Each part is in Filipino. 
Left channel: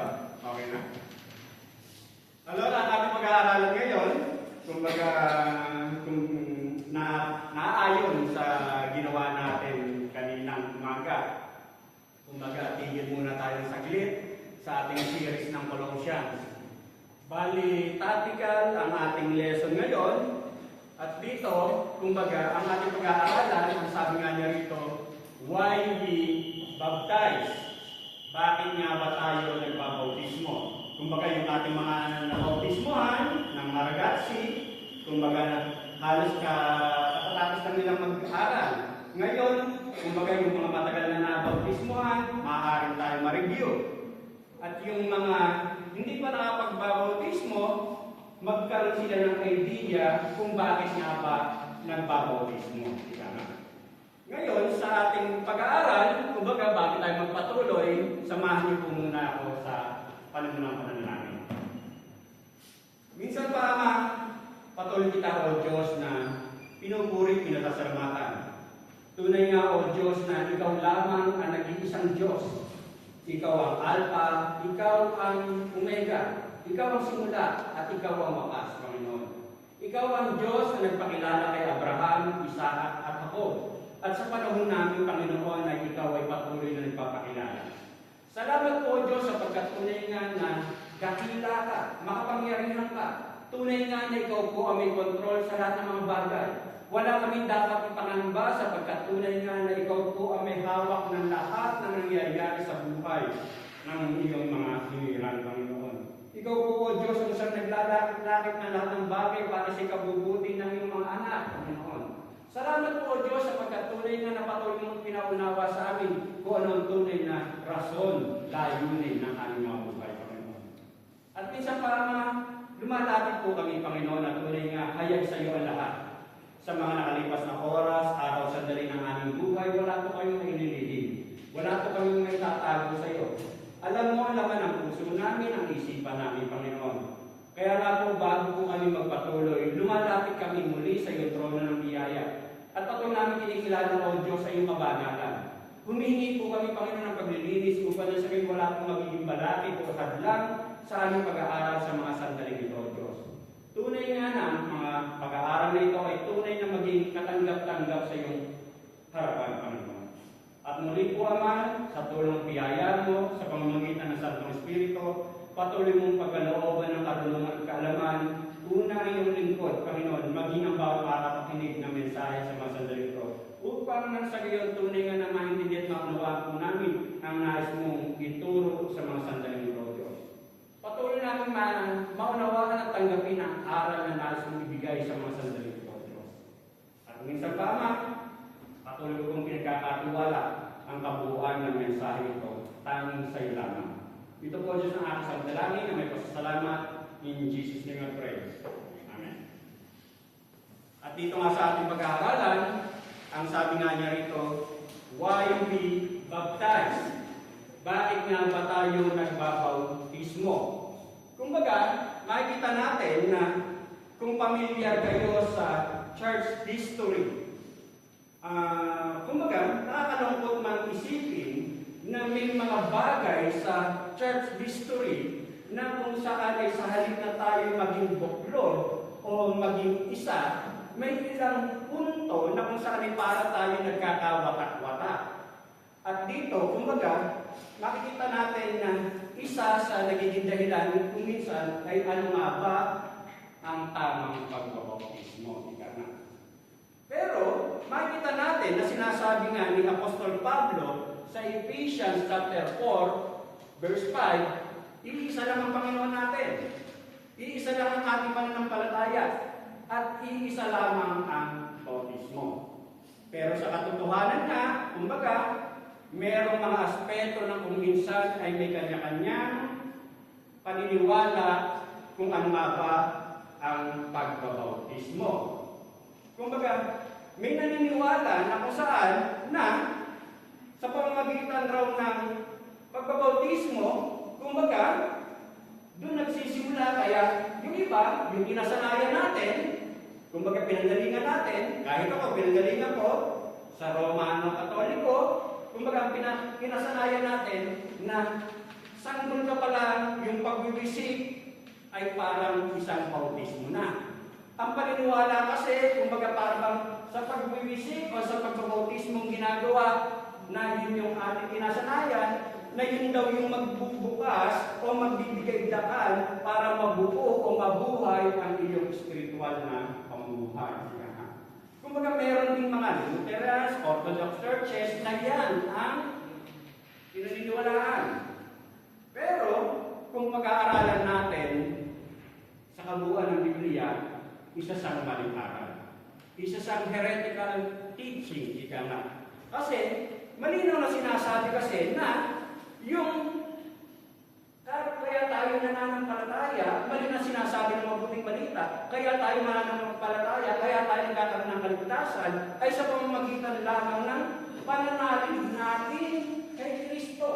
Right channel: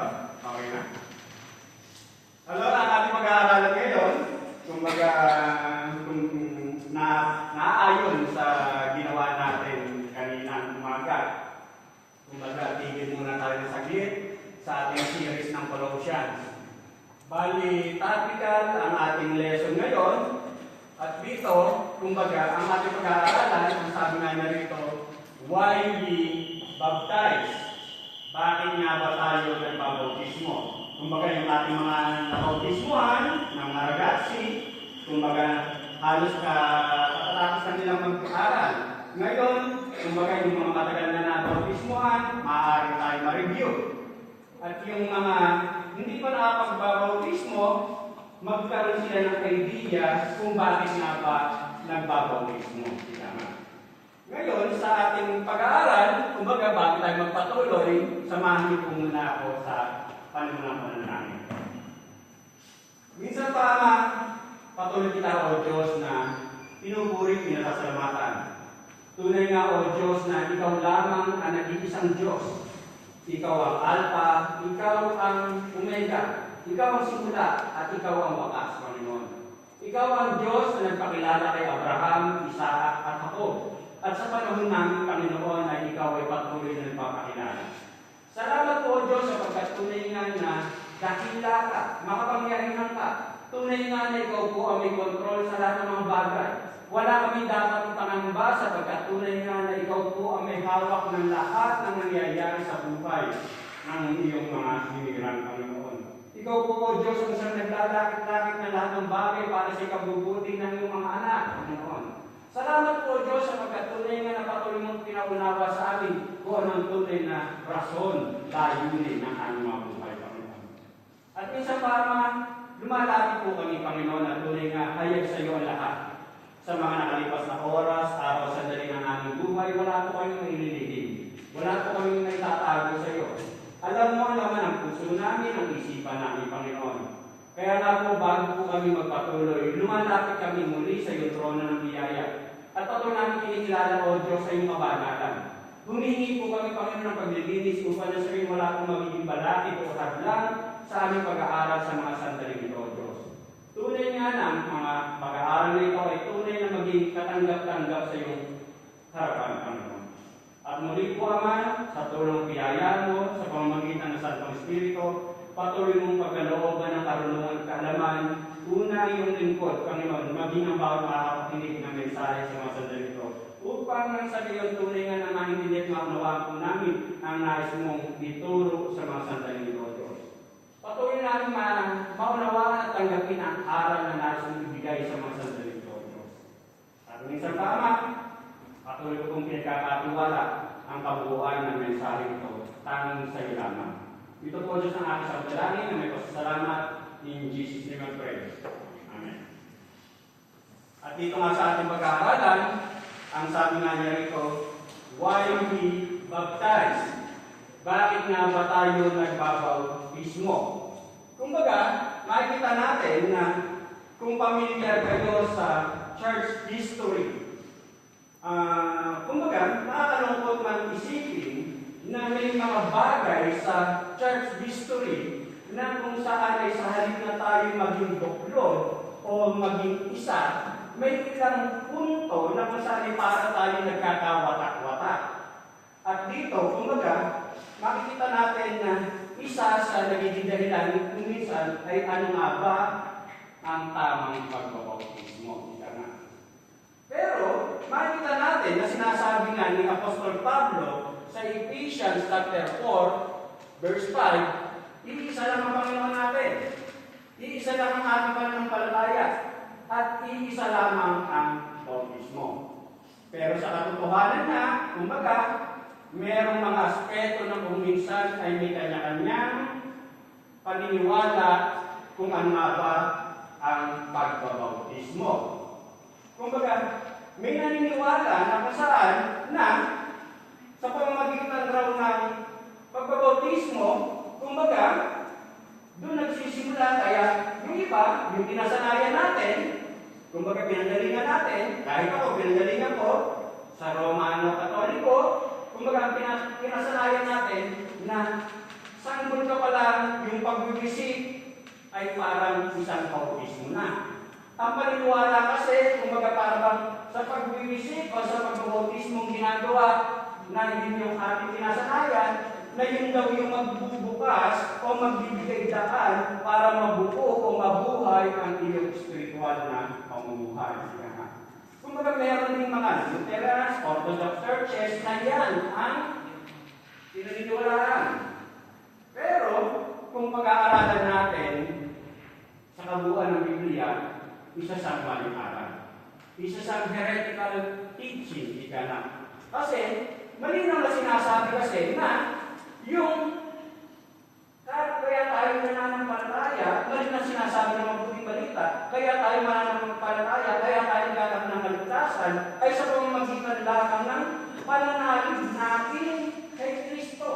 Ito? Okay na? Alors, ang ating pag-aaralan ngayon, kumbaga, naayon sa ginawa natin kaninang umaga. Kumbaga, tigil muna tayo ng saglit sa ating series ng Colossians. Bali, topical ang ating lesson ngayon. At dito, kumbaga, ang ating pag-aaralan, ang sabi nga niya rito, why we baptize? Bakit nga ba tayo nagbabautismo? Kumbaga, yung ating mga nabautismuhan ng Maragasi, kumbaga, halos katatapos na nilang mag-aaral. Ngayon, kumbaga, yung mga matagal na nabautismuhan, maaaring tayo ma-review. At yung mga hindi pa nakapag-bautismo, magkaroon sila ng idea kung bakit nga ba nagbabautismo. Ngayon, sa ating pag-aaral, kumbaga, bakit tayo magpatuloy, samahan niyo po muna ako sa panunang pananangin. Minsan pa patuloy kita, O Diyos, na pinupuri, pinasasalamatan. Tunay nga, O Diyos, na ikaw lamang ang nag-iisang Diyos. Ikaw ang Alpha, ikaw ang Omega, ikaw ang simula, at ikaw ang wakas, Panginoon. Ikaw ang Diyos na nagpakilala kay Abraham, Isaac, at Jacob. At sa panahon namin, Panginoon, ay ikaw ay patuloy na nagpapakilala. Salamat po, Diyos, sapagkat tunay nga na dakila ka, makapangyarihan ka. Tunay nga na ikaw po ang may kontrol sa lahat ng mga bagay. Wala kami dapat ipangamba sapagkat tunay nga na ikaw po ang may hawak ng lahat na nangyayari sa buhay ng iyong mga hinihiran, Panginoon. Ikaw po, O Diyos, kung saan naglalakit-lakit ng lahat ng bagay para sa ikabubuti ng iyong mga anak, Panginoon. Salamat po, Diyos, sapagkat tunay nga na patuloy mong pinaunawa sa amin kung ano ang tunay na rason, layunin ng aming mga buhay, Panginoon. At minsan lumalapit po kami, Panginoon, at tunay nga hayag sa iyo ang lahat. Sa mga nakalipas na oras, araw sandali ng aming buhay, wala po kayong maililihim. Wala po kayong may tatago sa iyo. Alam mo ang laman ang puso namin, ang isipan namin, Panginoon. Kaya nga po, bago po kami magpatuloy, lumalapit kami muli sa iyong trono ng biyaya. At patuloy namin kinikilala, O Diyos, sa iyong kabanalan. Humihingi po kami, Panginoon, ng paglilinis upang sa rin wala pong magiging balakid o hadlang sa aming pag-aaral sa mga sandaling ito, O Diyos. Tunay nga na ang mga pag-aaral na ito ay tunay na maging katanggap-tanggap sa iyong harapan, Panginoon. At muli po, Ama, sa tulong biyaya mo, sa pamamagitan ng Santong Espiritu, patuloy mong pagkalooban ng karunungan at kaalaman, una iyong lingkod, Panginoon, maging ang bawat araw kinig ng mensahe sa mga sandali ito. Upang nang sa iyon tunay nga na maintindihan at maunawaan po namin ang nais mong ituro sa mga sandali ito, Diyos. Patuloy namin maunawaan at tanggapin ang aral na nais mong ibigay sa mga sandali ito, Diyos. At minsan pa, Ama, patuloy kong pinagkakatiwala ang kabuuan ng mensahe ito, tanging sa iyo lamang. Ito po, Diyos, ang aking sabdalangin na may pasasalamat. In Jesus' name I pray. Amen. At dito nga sa ating pag-aaralan, ang sabi nga niya rito, why we baptize? Bakit nga ba tayo nagbabautismo? Kumbaga, makikita natin na kung pamilyar kayo sa church history, kumbaga, nakakalungkot man isipin na may mga bagay sa church history na kung saan ay sa halip na tayo maging buklod o maging isa, may ilang punto na kung saan ay para tayo nagkakawatak-watak. At dito, kumbaga, makikita natin na isa sa nagiging dahilan kung minsan ay ano nga ba ang tamang pagbabautismo. Pero, makikita natin na sinasabi nga ni Apostol Pablo sa Ephesians chapter 4, verse 5, iisa lang ang Panginoon natin. Iisa lang ang ating pananampalataya. At iisa lamang ang bautismo. Pero sa katotohanan na, kumbaga, merong mga aspeto na kung minsan ay may kanya-kanyang paniniwala kung ano nga ba ang pagbabautismo. Kumbaga, may naniniwala na kung saan na sa pamamagitan raw ng pagbabautismo, kumbaga, doon nagsisimula kaya yung iba, yung pinasanayan natin, kumbaga pinanggalingan natin, kahit ako pinanggalingan ko, sa Romano Katoliko, kumbaga pinasanayan natin na sanggol ka pala pagbibisik ay parang isang bautismo na. Ang paniniwala kasi, kumbaga parang sa pagbibisik o sa pagbabautismong ginagawa na hindi yung ating kinasanayan, na yun daw yung magbubukas o magbibigay daan para mabuo o mabuhay ang iyong spiritual na pamumuhay. Kumbaga meron din mga Lutherans, Orthodox churches na yan ang pinaniniwalaan. Pero kung pag-aaralan natin sa kabuuan ng Biblia, isa siyang malikaran. Isa siyang heretical teaching, ika na. Kasi malinaw na sinasabi kasi na yung kaya tayo nananampalataya, mali na sinasabi ng mabuting balita, kaya tayo mananampalataya, kaya tayo nagkakaroon ng kaligtasan, ay sa pamamagitan lamang ng pananalig natin kay Kristo.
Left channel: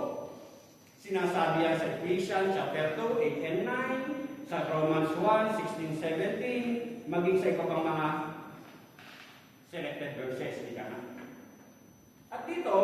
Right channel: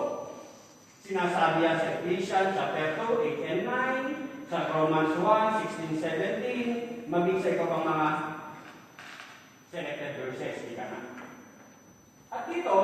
Sinasabi yan sa Ephesians chapter 2, 8 and 9, sa Romans 1, 16, 17, maging sa iba pang mga selected verses, ika na. At dito,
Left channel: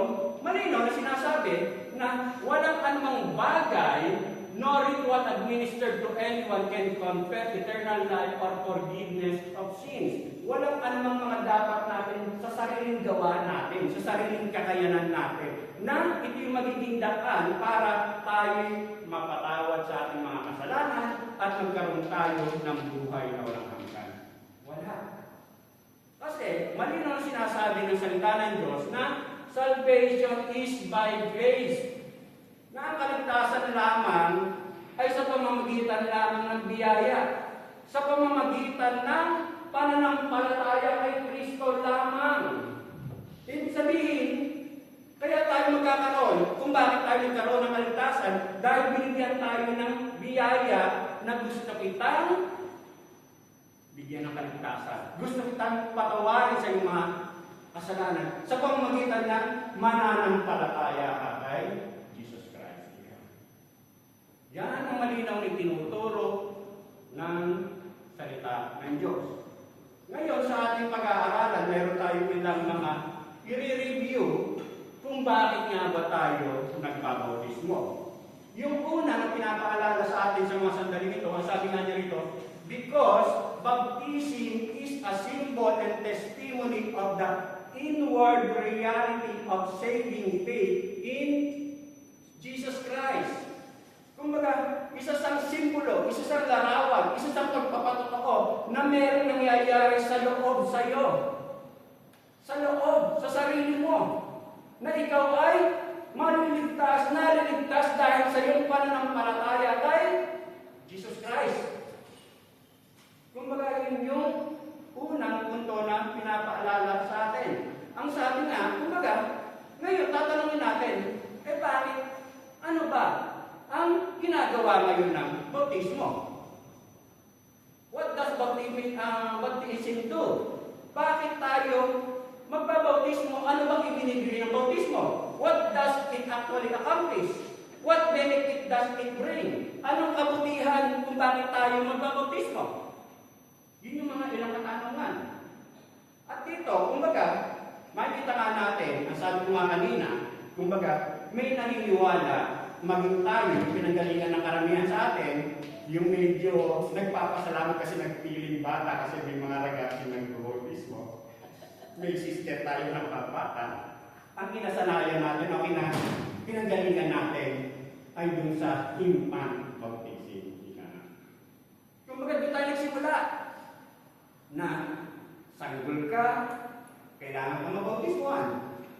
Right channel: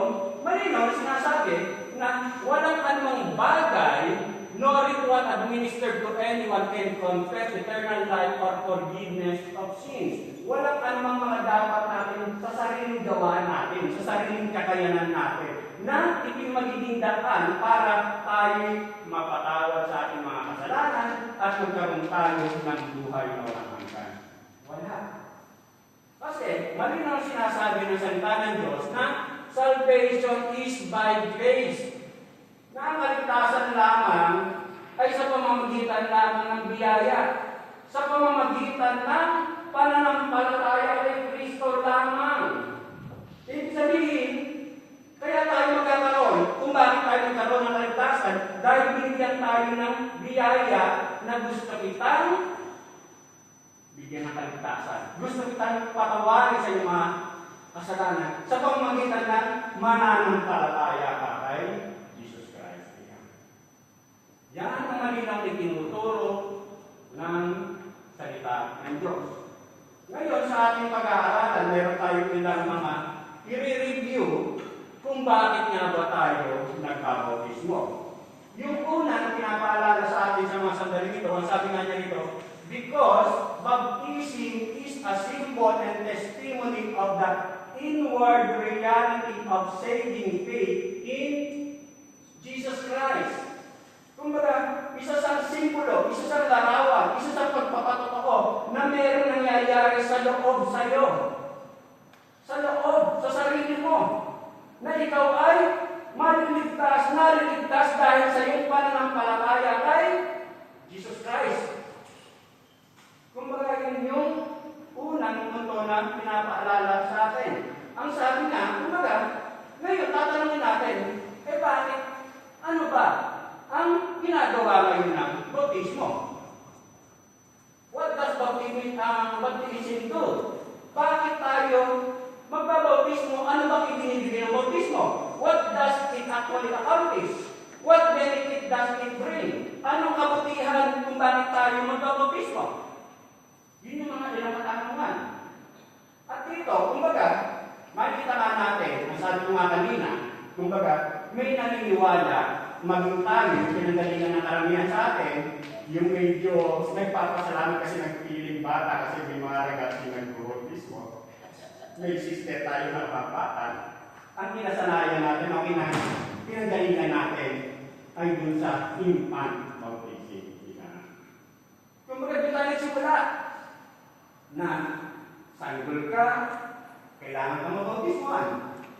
malinaw sinasabi na walang anumang bagay nor it was administered to anyone can confess eternal life or forgiveness of sins. Walang anumang mga dapat natin sa sariling gawa natin, sa sariling kakayanan natin, na ito'y magiging daan para tayo mapatawad sa ating mga kasalanan at magkaroon tayo ng buhay na walang hanggan. Wala. Kasi malinaw sinasabi ng salita ng Diyos na salvation is by grace. Na ang kaligtasan lamang ay sa pamamagitan lamang ng biyaya. Sa pamamagitan ng pananampalataya kay Kristo lamang. Ibig sabihin, kaya tayo magkakaroon, kung bakit tayo nagkaroon ng kaligtasan, dahil binigyan tayo ng biyaya na gusto kitang bigyan ng kaligtasan. Gusto kitang patawarin sa iyong mga kasalanan sa pamamagitan ng mananampalataya ka kay Jesus Christ. Yan ang malinaw na tinuturo ng salita ng Diyos. Ngayon sa ating pag-aaralan, mayroon tayo ilang mga i-review kung bakit nga ba tayo nagbabautismo. Yung una na pinapaalala sa atin sa mga sandali ito, ang sabi nga niya rito, because baptism is a symbol and testimony of the inward reality of saving faith in Jesus Christ. Kumbaga, isa siyang simbolo, isa siyang larawan, isa siyang pagpapatotoo na merong nangyayari sa loob sa'yo. Sa loob, sa sarili mo. Na ikaw ay mariligtas, nariligtas dahil sa iyong pananampalataya kay Jesus Christ. Kumbaga, yun yung unang punto na pinapaalala sa atin. Ang sabi nga, kumbaga, ngayon tatanungin natin, bakit? Ano ba ang ginagawa ngayon ng bautismo? What does baptism do? Bakit tayo magbabautismo? Ano bang ibinibigay ng bautismo? What does it actually accomplish? What benefit does it bring? Anong kabutihan kung bakit tayo magbabautismo? Yun yung mga pinakatanungan. At dito, kumbaga, makikita nga natin, nasabi ko nga kanina, kumbaga, may naniniwala, maging tayo, yung pinanggalingan ng karamihan sa atin, yung medyo nagpapasalamat kasi nagpiling bata kasi may mga regasyon nag-bautismo. May sister tayo na kapatan. Ang kinasanayan natin, ang pinanggalingan natin, ay dun sa infant baptism. Kumbaga, doon tayo simula na sanggol ka, kailangan ka mabautismoan.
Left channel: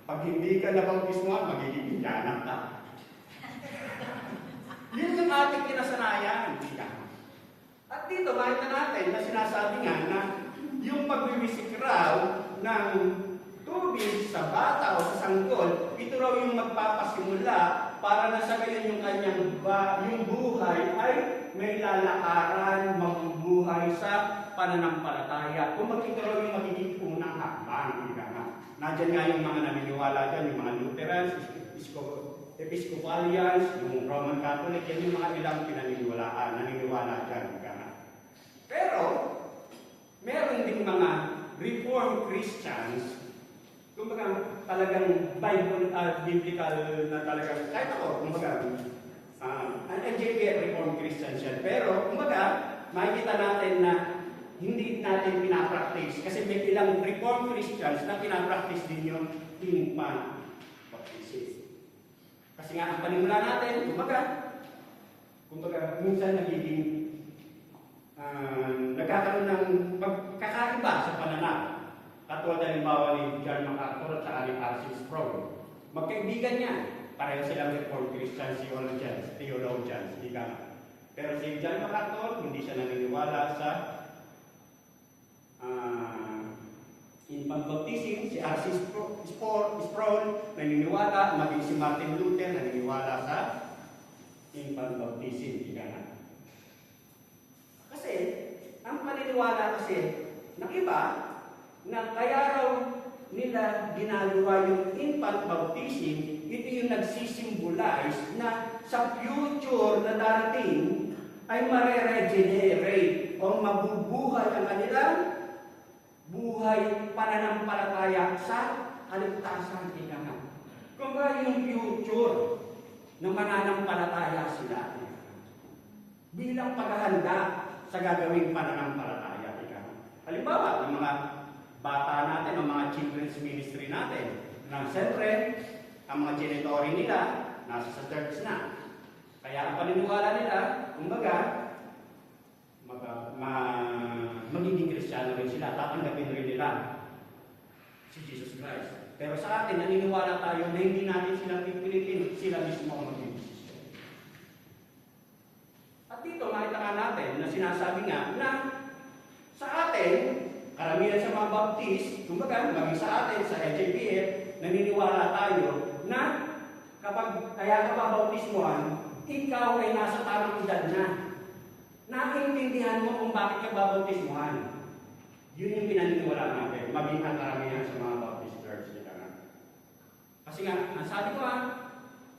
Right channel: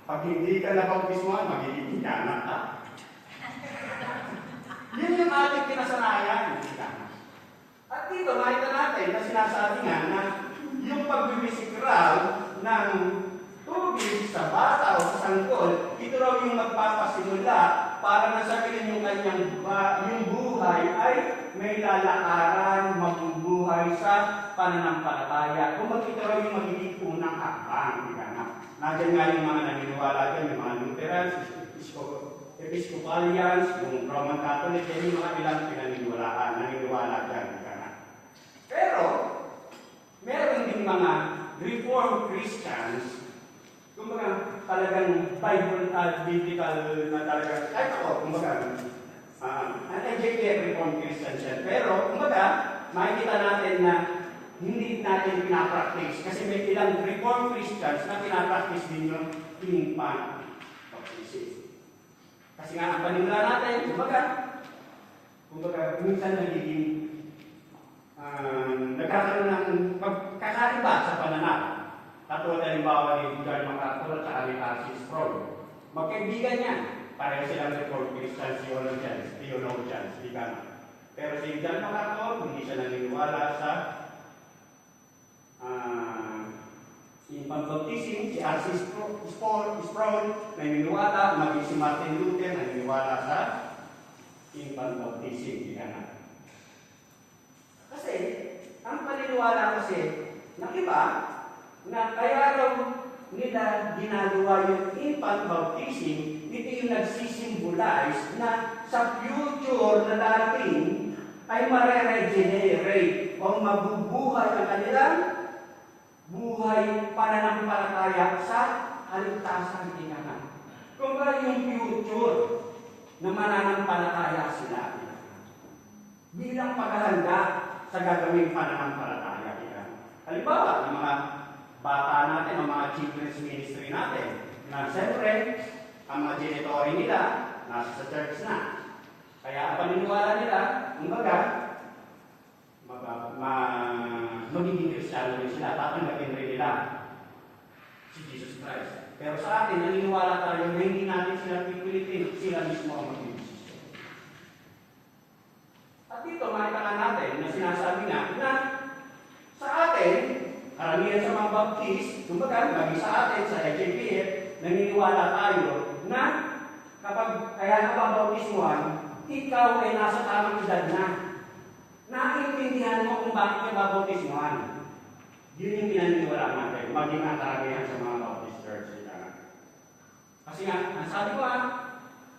Pag hindi ka nabautismoan, magiging inyanak ka. Yun yung ating kinasanayan. At dito, makita natin na sinasabi nga na yung pagbibisik raw ng tubig sa bata o sa sanggol, ito raw yung magpapasimula para nasabihin yung kanyang yung buhay ay may lalakaran, mabubuhay sa pananampalataya. Kung ito raw yung magiging unang hakbang. Nandiyan nga yung mga naniniwala dyan, yung mga Lutherans, Episcopalians, yung Roman Catholic, yung mga ilang naniniwala dyan. Pero, meron din mga Reformed Christians, kumbaga talagang Bible, biblical na talaga, kahit ako, kumbaga, Ang LJPF Reformed Christians yan. Pero, kumbaga, makikita natin na hindi natin pinapractice kasi may ilang Reformed Christians na pinapractice din yung infant baptism. Kasi nga, ang panimula natin, kumbaga, minsan nagiging nagkakaroon ng pagkakaiba sa pananaw. Katulad halimbawa ni John MacArthur at ni R.C. Sproul. Magkaibigan yan. Pareho silang Reformed Christian theologians. Pero si John MacArthur, hindi siya naniniwala sa infant baptism. Si R.C. Sproul, naniniwala. Maging si Martin Luther, naniniwala sa infant baptism. Kasi, ang paniniwala kasi ng iba, na kaya raw nila ginagawa yung infant baptism, ito yung nagsisimbolize na sa future na darating ay mare-regenerate o mabubuhay ang kanilang buhay pananampalataya sa kaligtasan tingnan. Kung ba yung future na mananampalataya sila bilang paghahanda sa gagawing pananampalataya. Halimbawa, yung mga bata natin, ang mga children's ministry natin, na siyempre, ang mga genitory nila, nasa sa church na. Kaya ang paniniwala nila, kumbaga, magiging Kristiyano rin sila, tatanggapin rin nila si Jesus Christ. Pero sa atin, naniniwala tayo na hindi natin sila pipilitin, sila mismo ang mag-desisyon. At dito, makita nga natin na sinasabi nga na sa atin, karamihan sa mga baptist, kumbaga, maging sa atin, sa LJPF, naniniwala tayo na kapag kaya nababautismuhan, ikaw ay nasa tamang edad na. Naiintindihan mo kung bakit ka babautismuhan. Yun yung pinaniniwala natin, maging ang karamihan sa mga baptist church. Kasi nga, nasabi ko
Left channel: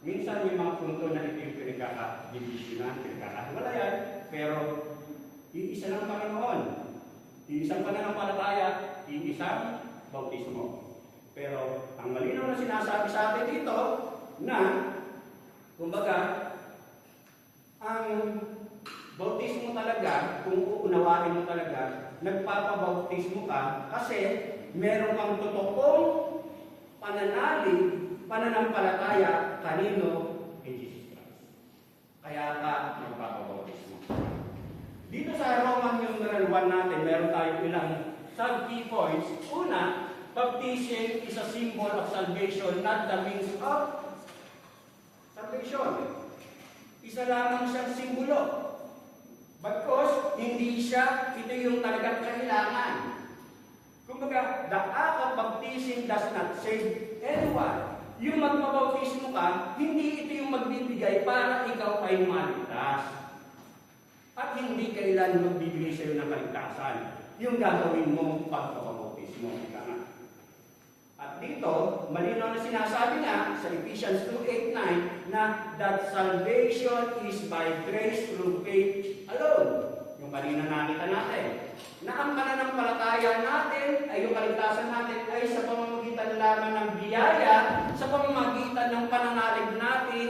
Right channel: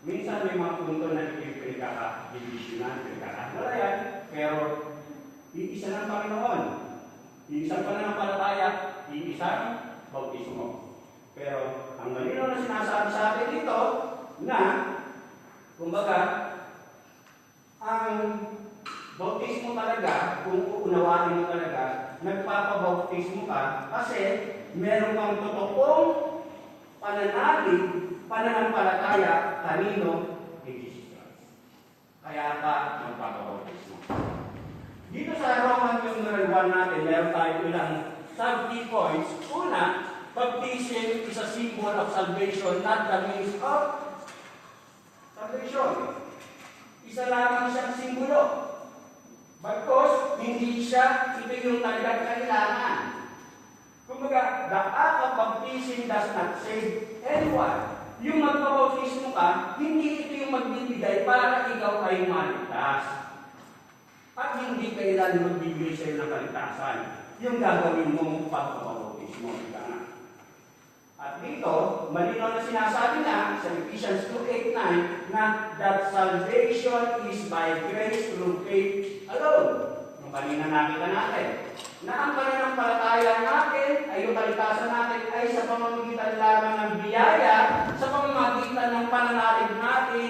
minsan may mga punto na pinagkaka-divisionan, pinagkaka-halayan, pero iisa ng Panginoon. Iisang pananampalataya, iisang bautismo. Pero ang malinaw na sinasabi sa atin dito na, kumbaga, ang bautismo talaga, kung uunawain mo talaga, nagpapabautismo ka kasi meron kang totoong pananampalataya kanino? Kay Jesus Christ. Kaya ka magpapabautismo. Dito sa Roman numeral 1 natin, meron tayo ilang sub-key points. Una, baptism is a symbol of salvation, not the means of salvation. Isa lamang siyang simbolo. Because hindi siya, ito yung talagang kailangan. Kumbaga, the act of baptism does not save anyone. Yung magpabautismo ka, hindi ito yung magbibigay para ikaw ay maligtas. At hindi kailan magbibigay sa'yo ng kaligtasan. Yung gagawin mong pagpapabautismo. At dito, malinaw na sinasabi na sa Ephesians 2:8-9 na that salvation is by grace through faith alone. Yung kanina nakita natin. Na ang pananampalataya natin ay yung kaligtasan natin ay sa pamamagitan lamang ng biyaya, sa pamamagitan ng pananalig natin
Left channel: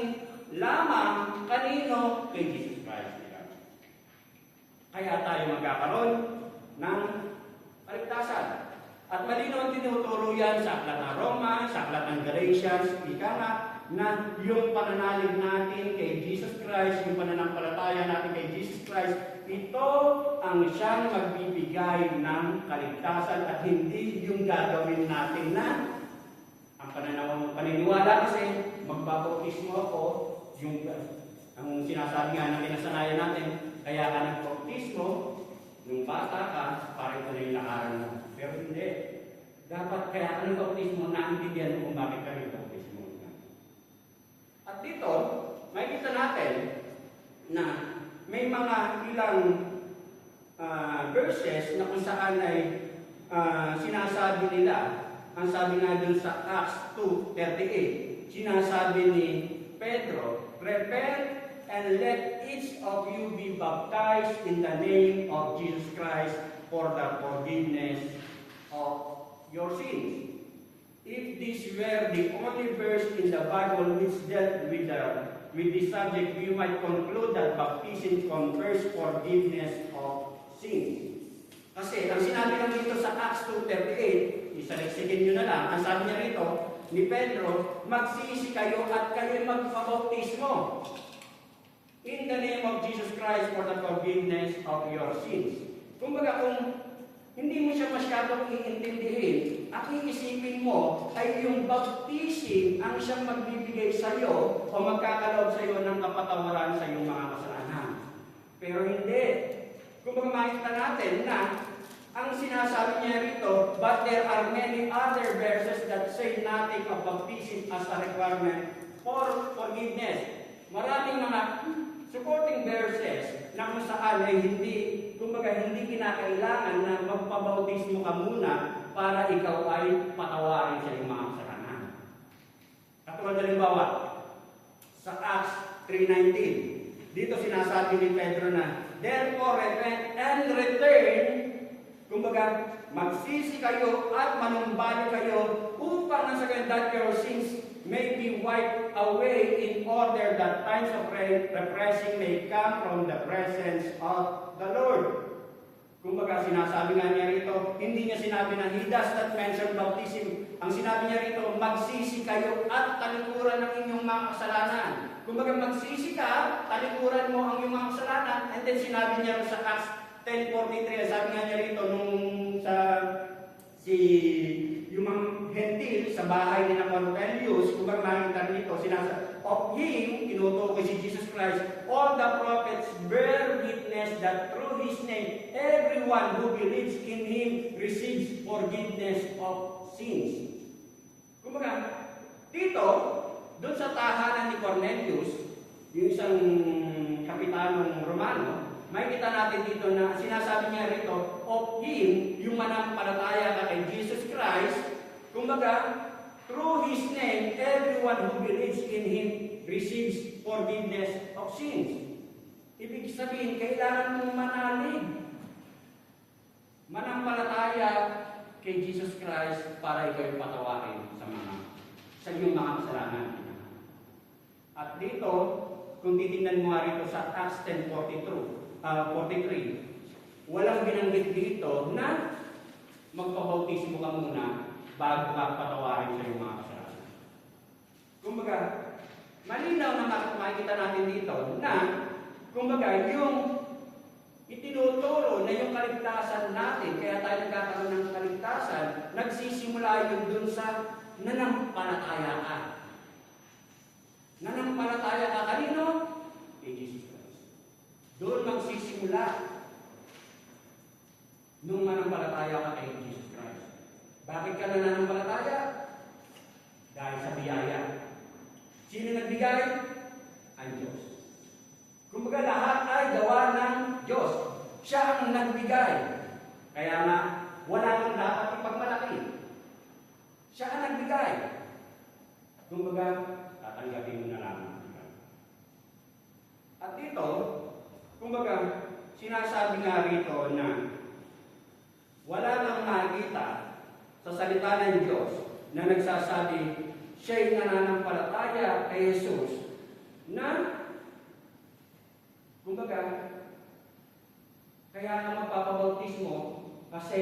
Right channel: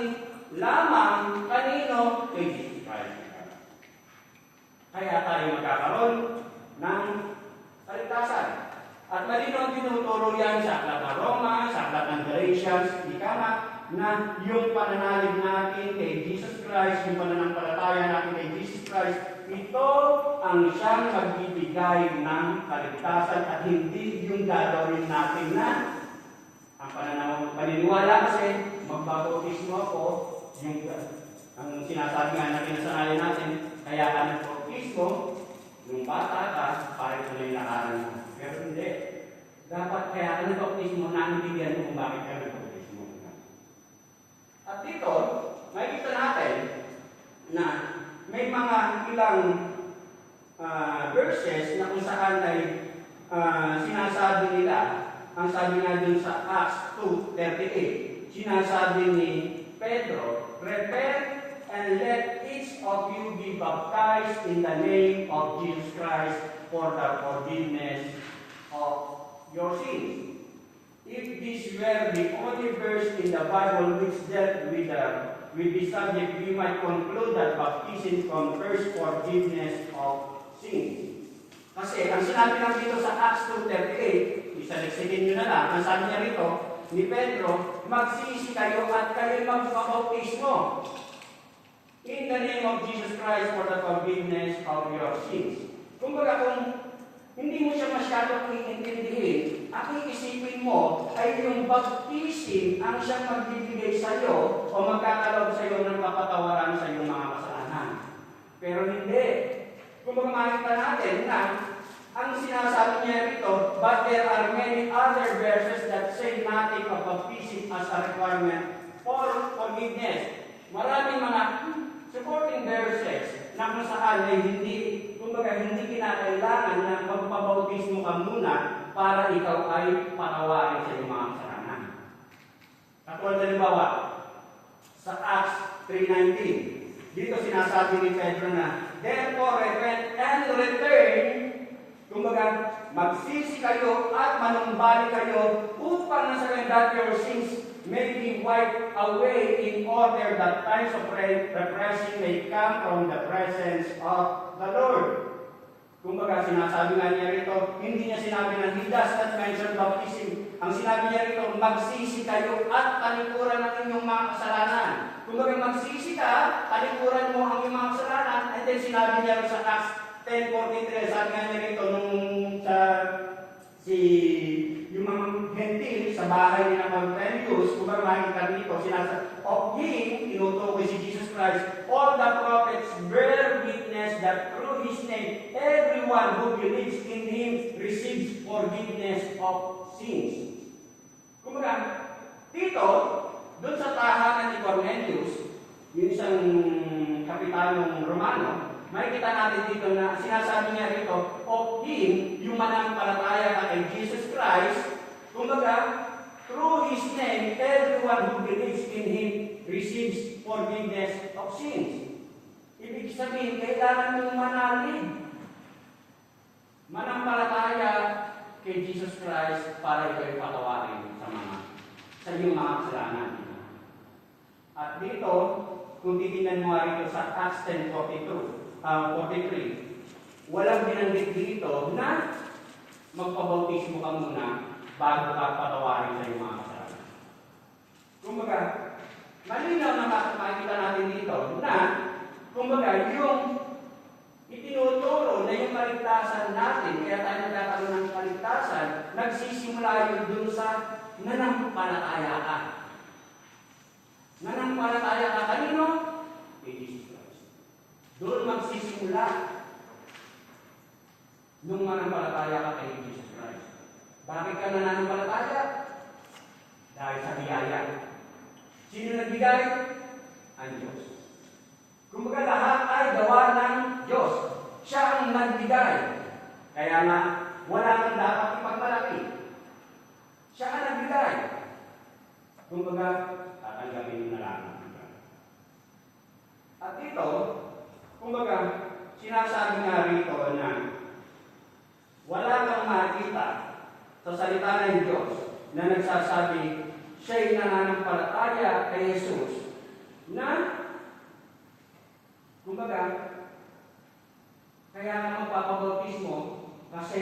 lamang kanino? Kay Jesus Christ. Kaya tayo magkakaroon ng kaligtasan. At malinaw tinuturo yan sa aklat ng Roma, sa aklat ng Galatians, na yung pananalig natin kay Jesus Christ, yung pananampalataya natin kay Jesus Christ, ito ang siyang magbibigay ng kaligtasan at hindi yung gagawin natin na ang paniniwala kasi magbabautismo ako, yung ang sinasabi nga natin na sanayan natin, kaya ka nagpautismo, yung bata ka, para ito na yung lakaran mo. Pero hindi. Dapat kaya ka nagpautismo na nabigyan mo kung bakit ka nagpautismo. At dito, makikita natin na may mga ilang verses na kung saan ay sinasabi nila, ang sabi nga dun sa Acts 2:38, sinasabi ni Pedro, repent and let each of you be baptized in the name of Jesus Christ for the forgiveness of your sins. If this were the only verse in the Bible which dealt with the with this subject, we might conclude that baptism confers forgiveness of sins. Kasi ang sinabi lang dito sa Acts 2:38, isaliksikin nyo na lang, ang sabi niya rito ni Pedro, magsisi kayo at kayo magpabautismo in the name of Jesus Christ for the forgiveness of your sins. Kumbaga kung hindi mo siya masyadong iintindihin, ang iisipin mo ay yung baptism ang siyang magbibigay sa iyo o magkakaloob sa iyo ng kapatawaran sa iyong mga kasalanan. Pero hindi. Kumbaga makita natin na ang sinasabi niya rito, but there are many other verses that say nothing of baptism as a requirement for forgiveness. Maraming mga supporting verses na kung saan ay hindi kinakailangan na magpabautismo ka muna para ikaw ay patawarin sa iyong mga kasalanan. Katulad halimbawa, sa Acts 3:19, dito sinasabi ni Pedro na, therefore repent and return, kumbaga, magsisi kayo at manumbalik kayo upang nasabihin that your sins may be wiped away in order that times of refreshing may come from the presence of the Lord. Kumbaga, sinasabi nga niya rito, hindi niya sinabi na he does not mention baptism. Ang sinabi niya rito, magsisi kayo at talikuran ang inyong mga kasalanan. Kumbaga, magsisi ka, talikuran mo ang iyong mga kasalanan, and then sinabi niya sa Acts 10:43, sabi nga niya rito, nung yung mga hentil sa bahay ni Cornelius, kumbaga nakikita rito, sinasabi, of him, tinutukoy si Jesus Christ, all the prophets bear witness that through his name, everyone who believes in him receives forgiveness of sins. Kumbaga, dito, doon sa tahanan ni Cornelius, yung isang kapitanong Romano, makikita natin dito na sinasabi niya rito, of him, yung manampalataya na kay Jesus Christ, kumbaga, through his name, everyone who believes in him receives forgiveness of sins. Ibig sabihin, kailangan mong manalig. Manampalataya kay Jesus Christ para ikaw ay patawarin sa iyong mga kasalanan. At dito, kung titingnan mo rito sa Acts 10:43, walang binanggit dito na magpabautismo ka muna bago ka patawarin sa iyong mga kasalanan. Kumbaga, malinaw na makikita natin dito na, kumbaga, yung itinuturo na yung kaligtasan natin, kaya tayo nagkakaroon ng kaligtasan, nagsisimula yun dun sa nanampalataya ka. Nanampalataya ka kanino? Kay Jesus Christ. Doon magsisimula nung manampalataya ka kay Jesus Christ. Bakit ka nananampalataya? Dahil sa biyaya. Sino nagbigay? Ang Diyos. Kumbaga lahat ay gawa ng Diyos. Siya ang nagbigay. Kaya nga, wala kang dapat ipagmalaki. Siya ang nagbigay. Kumbaga, tatanggapin mo na lang. At dito, kumbaga, sinasabi nga rito na wala kang makita sa salita ng Diyos na nagsasabi siya'y nananampalataya kay Jesus na, kumbaga, kaya nga magpapabautismo kasi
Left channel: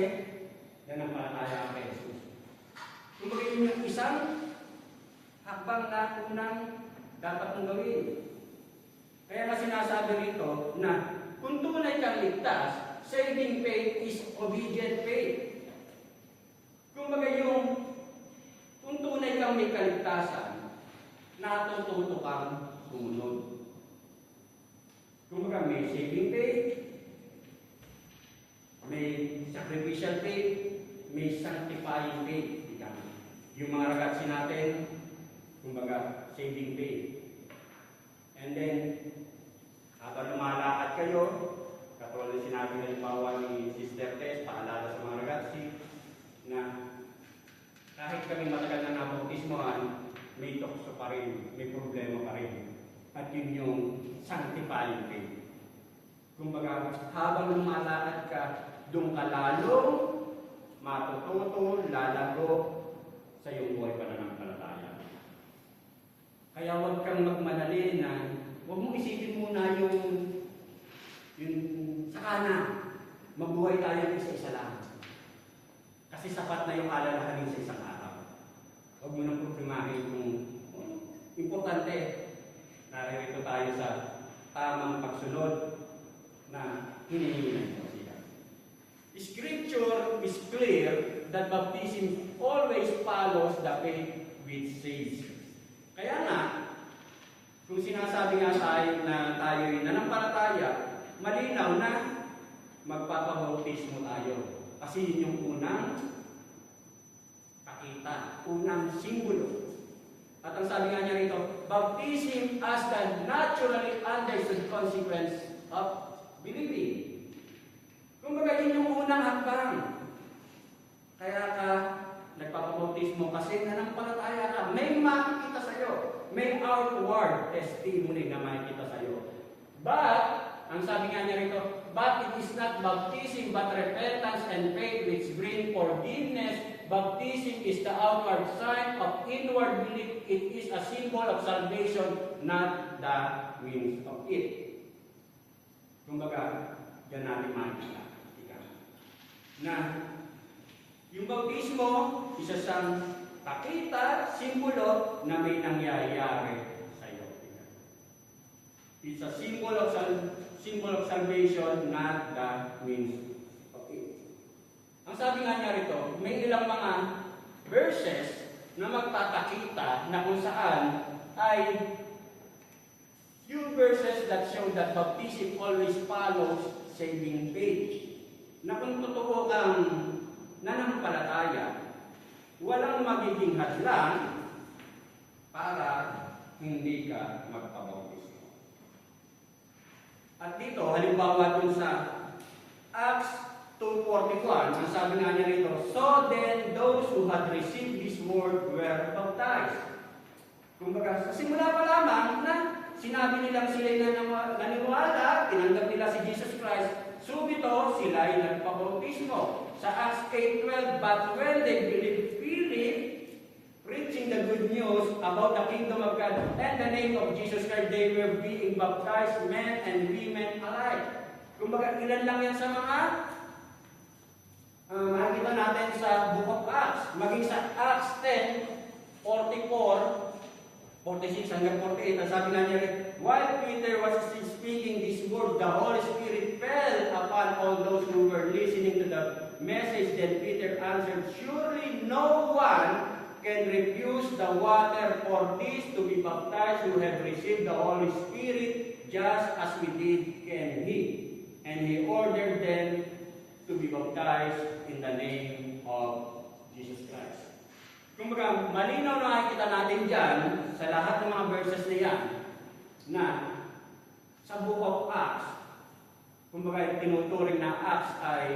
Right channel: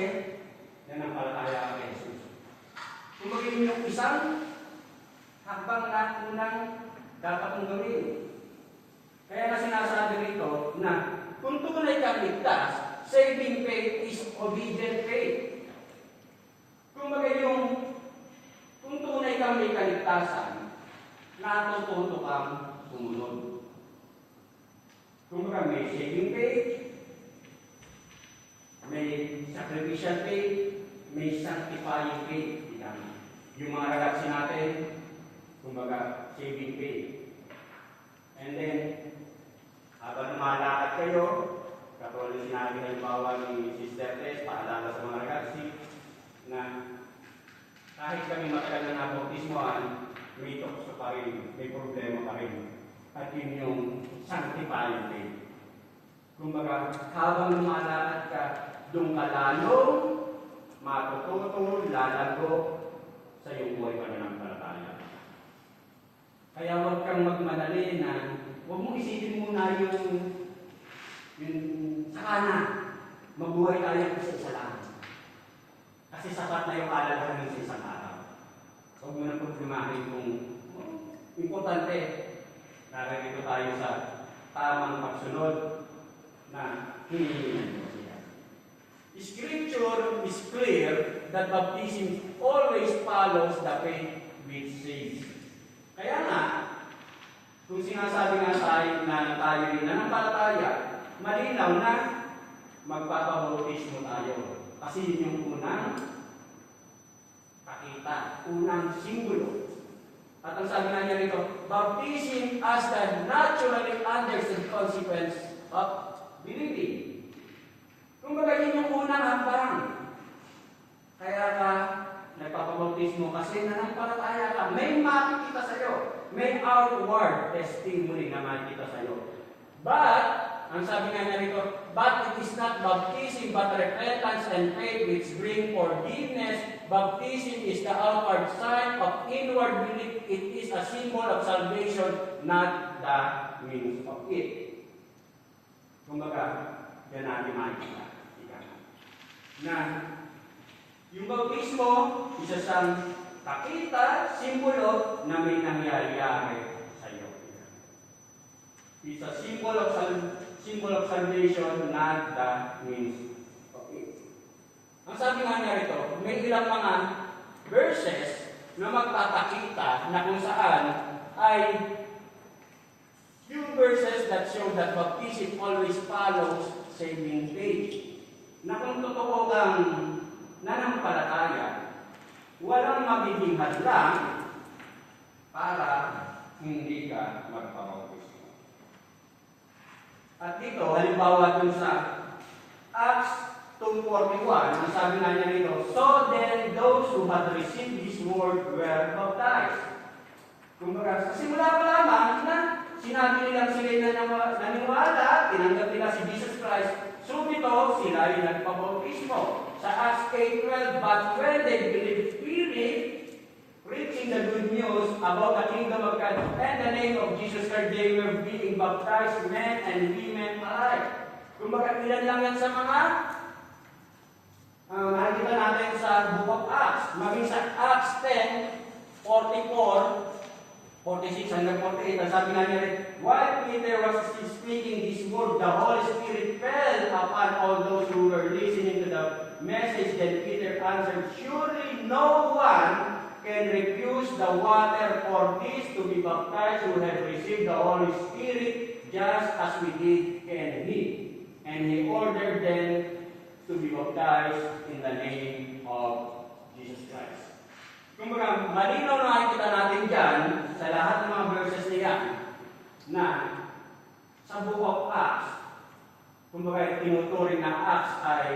nananampalataya kay Jesus. Kumbaga yun yung isang hakbang na unang dapat mong gawin. Kaya nga sinasabi rito na kung tunay kang ligtas, saving faith is obedient faith. Kumbaga yung kung tunay kang may kaligtasan, natututo kang sumunod. Kumbaga may saving faith, may sacrificial faith, may sanctifying faith. Yung mga ragazzi natin, kumbaga saving faith. And then, habang lumalakad kayo, katulad sinabi ng bawa ni Sister Tess, paalala sa mga ragazzi, na kahit kami matagal na nabautismoan, may tukso pa rin, may problema pa rin. At yun yung sanctifying faith. Kumbaga, habang lumalakad ka, doon ka lalong matututo, lalago sa iyong buhay pananampalataya. Kaya huwag kang magmadali na huwag mong isipin muna yung sakana. Mabuhay tayo isa-isa lang. Kasi sapat na yung alalahanin sa isang araw. Huwag mo na pagprimahin kung importante. Naririto tayo sa tamang pagsunod na hinihingi mo siya. Scripture is clear that baptism always follows the faith which saves. Kaya nga, kung sinasabi nga tayo nananampalataya, malinaw na magpapabautismo tayo. Kasi yun yung unang kakita, unang simbolo. At ang sabi nga niya rito, baptism as the naturally understood consequence of believing. Kung baga yun yung unang hakbang. Kaya ka nagpapabautismo kasi nanampalataya ka. May makikita sa'yo. May outward testimony na makikita sa'yo. But, ang sabi nga niya rito, but it is not baptism but repentance and faith which bring forgiveness. Baptism is the outward sign of inward belief. It is a symbol of salvation, not the means of it. Kumbaga, yan natin makikita. Na yung bautismo, isa siyang kakita, simbolo na may nangyayari sa iyo. It's a symbol of salvation, not the means of it. Ang sabi nga niya rito, may ilang mga verses na magpapakita na kung saan ay few verses that show that baptism always follows saving faith. Na kung totoo kang nanampalataya, walang magiging hadlang para hindi ka magpabautismo. At dito, halimbawa dun sa Acts 2:41, ang sabi nga niya rito, so then those who had received this word were baptized. Kumbaga, sa simula pa lamang na sinabi nilang sila na naniwala, tinanggap nila si Jesus Christ, subito sila ay nagpabautismo. Sa Acts 8:12, but when they believed freely, preaching the good news about the kingdom of God and the name of Jesus Christ, they were being baptized, men and women alike. Kumbaga, ilan lang yan sa mga nakikita natin sa Book of Acts. Maging sa Acts 10:44, 46 hanggang 48, ang sabi nga niya rin, while Peter was still speaking this word, the Holy Spirit fell upon all those who were listening to the message. Then Peter answered, surely no one can refuse the water for this to be baptized who have received the Holy Spirit, just as we did can we. And he ordered them to be baptized in the name of Jesus Christ. Kumbaga, malinaw na makikita natin dyan sa lahat ng mga verses na yan na sa Book of Acts, kumbaga tinuturing na Acts ay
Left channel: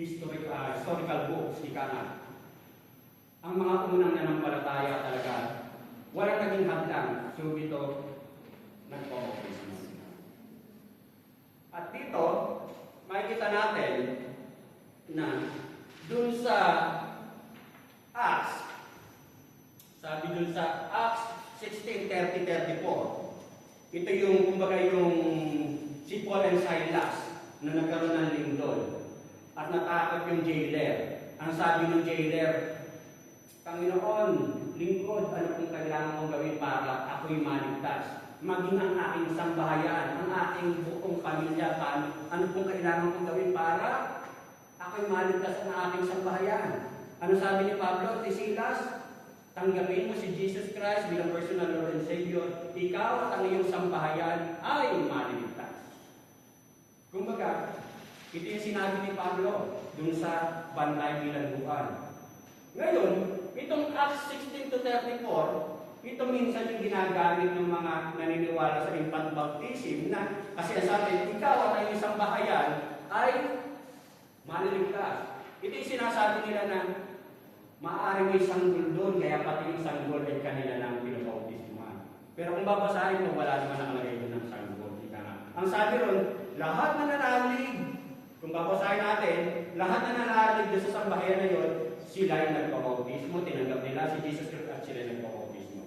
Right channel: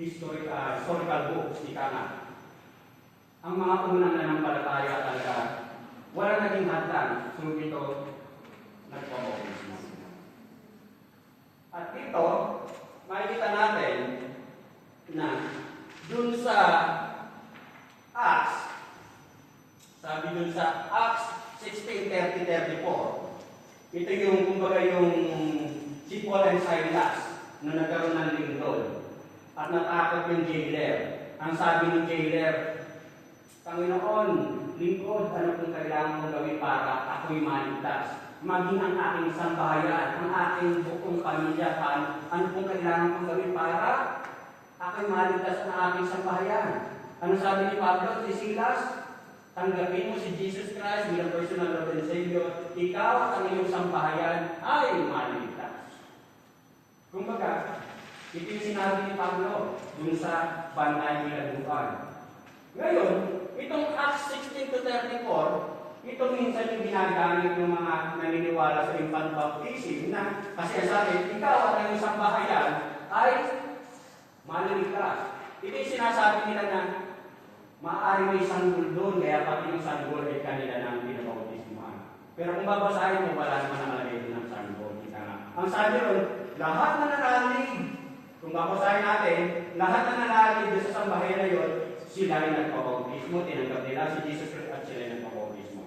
historical books, ika nga. Ang mga unang nanampalataya talaga, wala naging hadlang, so ito, nagpapautismo. At dito, makikita natin na dun sa Acts, sabi dun sa Acts 16:30-34, ito yung, kumbaga yung si Paul and Silas na nagkaroon ng lindol at natakot yung jailer. Ang sabi ng jailer, Panginoon, lingkod, ano kung kailangan mong gawin para ako'y maligtas? Maging ang aking sambahayan, ang aking buong pamilya, ano kung kailangan mong gawin para ako'y maligtas ang aking sambahayan? Ano sabi ni Pablo, ni Silas? Tanggapin mo si Jesus Christ bilang personal Lord and Savior. Ikaw at ang iyong sambahayan ay maligtas. Kumbaga, ito yung sinabi ni Pablo dun sa Banay Bilangguan. Ngayon, itong Acts 16-34, ito minsan yung ginagamit ng mga naniniwala sa infant baptism na kasi sabi, ikaw at ang iyong sambahayan ay maligtas. Ito yung sinasabi nila na maaari may sanggol doon, kaya pati yung sanggol ay kanila na pinabautismuhan. Pero kung babasahin mo, wala naman ang lagay ng sanggol. Ang sabi ron, lahat na nanalig, kung babasahin natin, lahat na nanalig doon sa sambahayan na yun, sila ay nagpabautismo, tinanggap nila si Jesus Christ at sila ay nagpabautismo.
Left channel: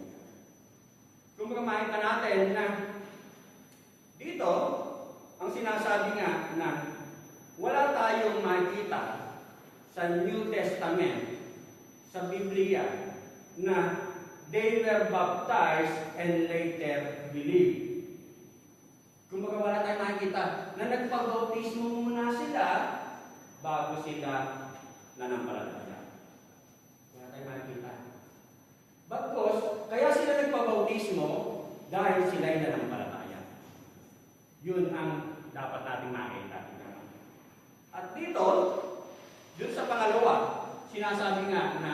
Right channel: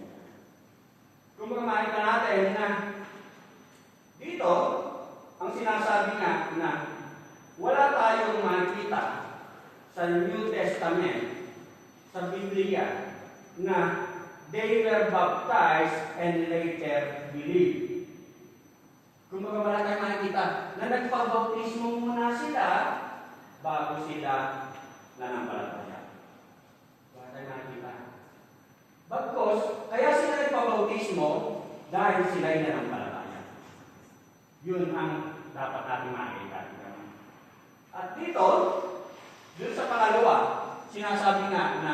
Kung makita natin na dito, ang sinasabi nga na wala tayong makikita sa New Testament, sa Biblia, na they were baptized and later believed. Kung wala tayong makikita na nagpabautismo muna sila bago sila nanampalataya. Wala tayong makikita. Bagkos, kaya sila nagpabautismo dahil sila ay nanampalataya. Yun ang dapat natin makita. At dito, dun sa pangalawa, sinasabi nga na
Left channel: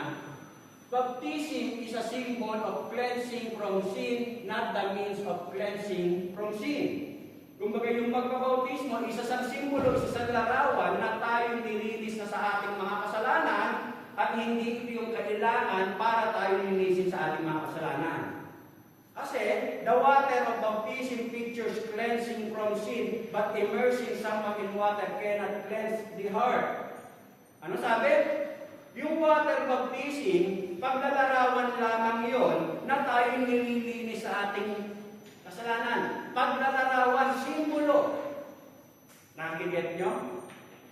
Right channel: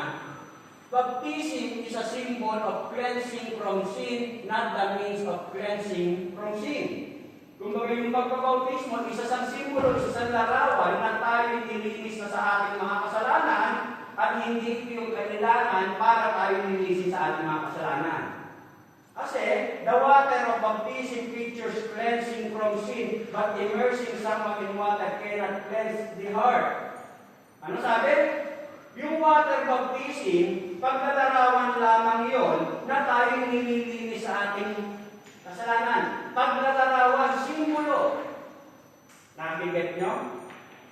baptism is a symbol of cleansing from sin, not the means of cleansing from sin. Kung bagay yung pagkabautismo, isa sang simbolo, isa sang larawan na tayo nilinis na sa ating mga kasalanan at hindi ito yung kailangan para tayo nilinisin sa ating mga kasalanan. Kasi, the water of baptism features cleansing from sin, but immersing someone in water cannot cleanse the heart. Ano sabi? Yung water baptism, paglalarawan lamang yon na tayo nililinis sa ating kasalanan. Paglalarawan, simbolo. Nakiget nyo?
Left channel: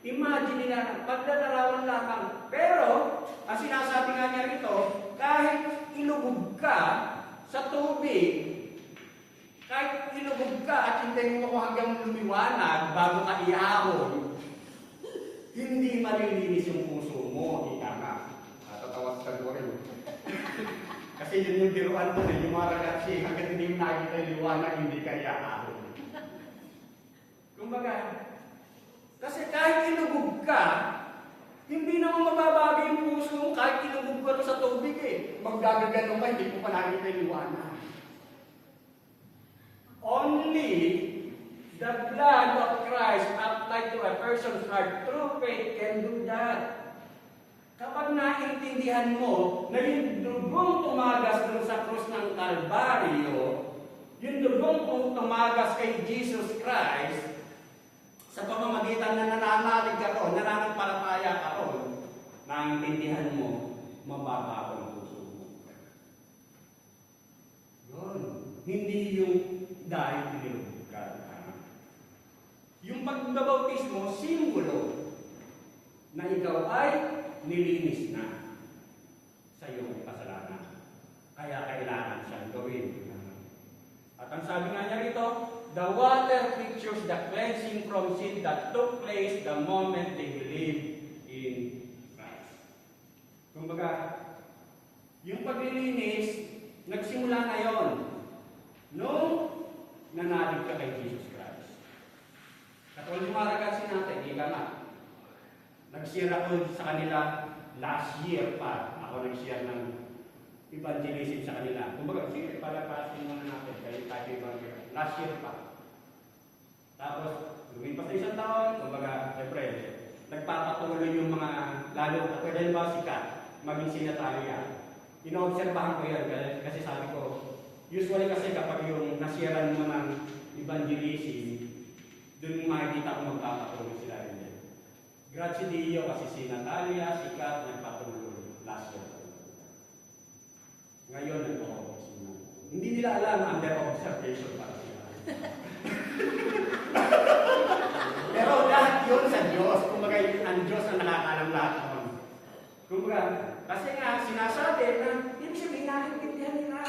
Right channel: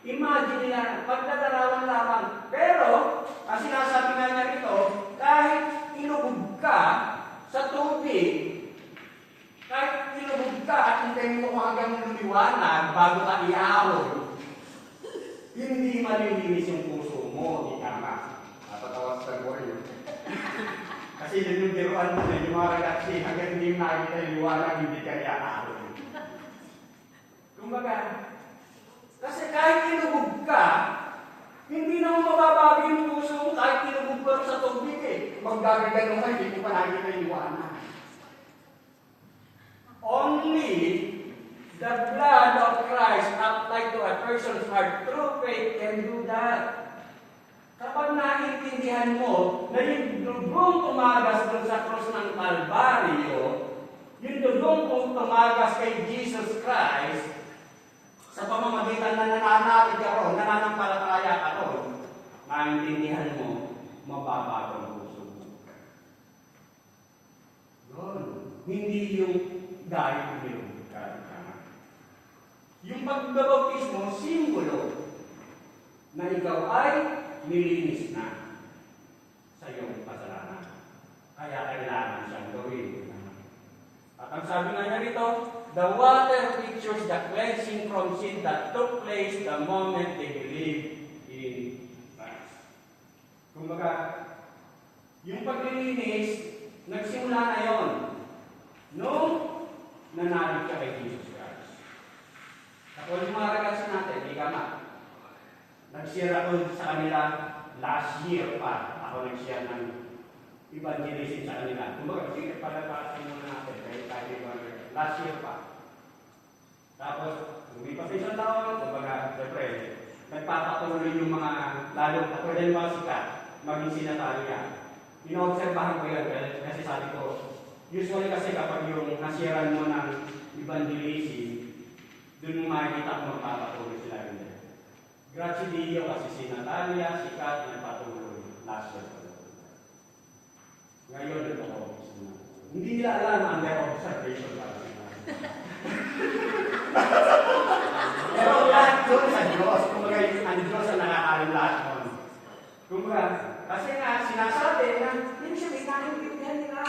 Imagine nila, paglalarawan lamang. Pero, ang sinasabi nga niya rito, kahit inubog ka sa tubig, kahit inubog ka at hintayin mo hanggang lumiwanag bago ka iahon, hindi malilinis yung puso mo, ika nga. Natatawa sa ko rin. Kasi yun yung biruan mo yung mga redaksi, hanggang hindi mo nakikita yung liwanag, hindi ka iahon. Kumbaga, kasi kahit inubog ka, hindi na mo mababago yung puso mo kahit inubog ka sa tubig eh. Maggagagalong ka, hindi mo pa nakikita yung liwanag. Only the blood of Christ applied to a person's heart through faith can do that. Kapag naintindihan mo na yung dugong tumagas dun sa krus ng Kalbaryo, yung dugong tumagas kay Jesus Christ, sa pamamagitan na nananalig ka ron, nananampalataya ka ron, naintindihan mo, mababago ang puso mo. Yun. Hindi yung dahil pinulog ka. Yung pagbabautismo, simbolo na ikaw ay nilinis na sa iyong kasalanan. Kaya kailangan siyang gawin. At ang sabi nga niya rito, the water pictures the cleansing from sin that took place the moment they believed in Christ. Kumbaga, yung paglilinis, nagsimula na yon nung nanalig ka kay Jesus Christ. Kapag yung mga relasyon natin, hindi ka nga. Nagsira ko sa kanila last year pa. Ako nagshare ng evangelism sa kanila. Kumbaga, sige, palagpasin muna natin. Last year pa. Tapos, lumipas isang taon, kumbaga, siyempre, nagpapatuloy yung mga, lalo ako din mga sikat, maging sinatarya. Inoobserbahan ko yan, kasi sabi ko, usually kasi kapag yung nasiran mo ng evangelism, doon mo makikita kung magpapatuloy sila rin. Grazie Dio, kasi si Natalia, sikat, nagpatuloy last year. Ngayon, nagpapatuloy sila. Hindi nila alam under observation pa. Pero lahat yun sa Diyos. Kumbaga, ang Diyos ang nakakalang lahat nun. Kumbaga, kasi nga, sinasabi na, hindi siya may naintindihan nila.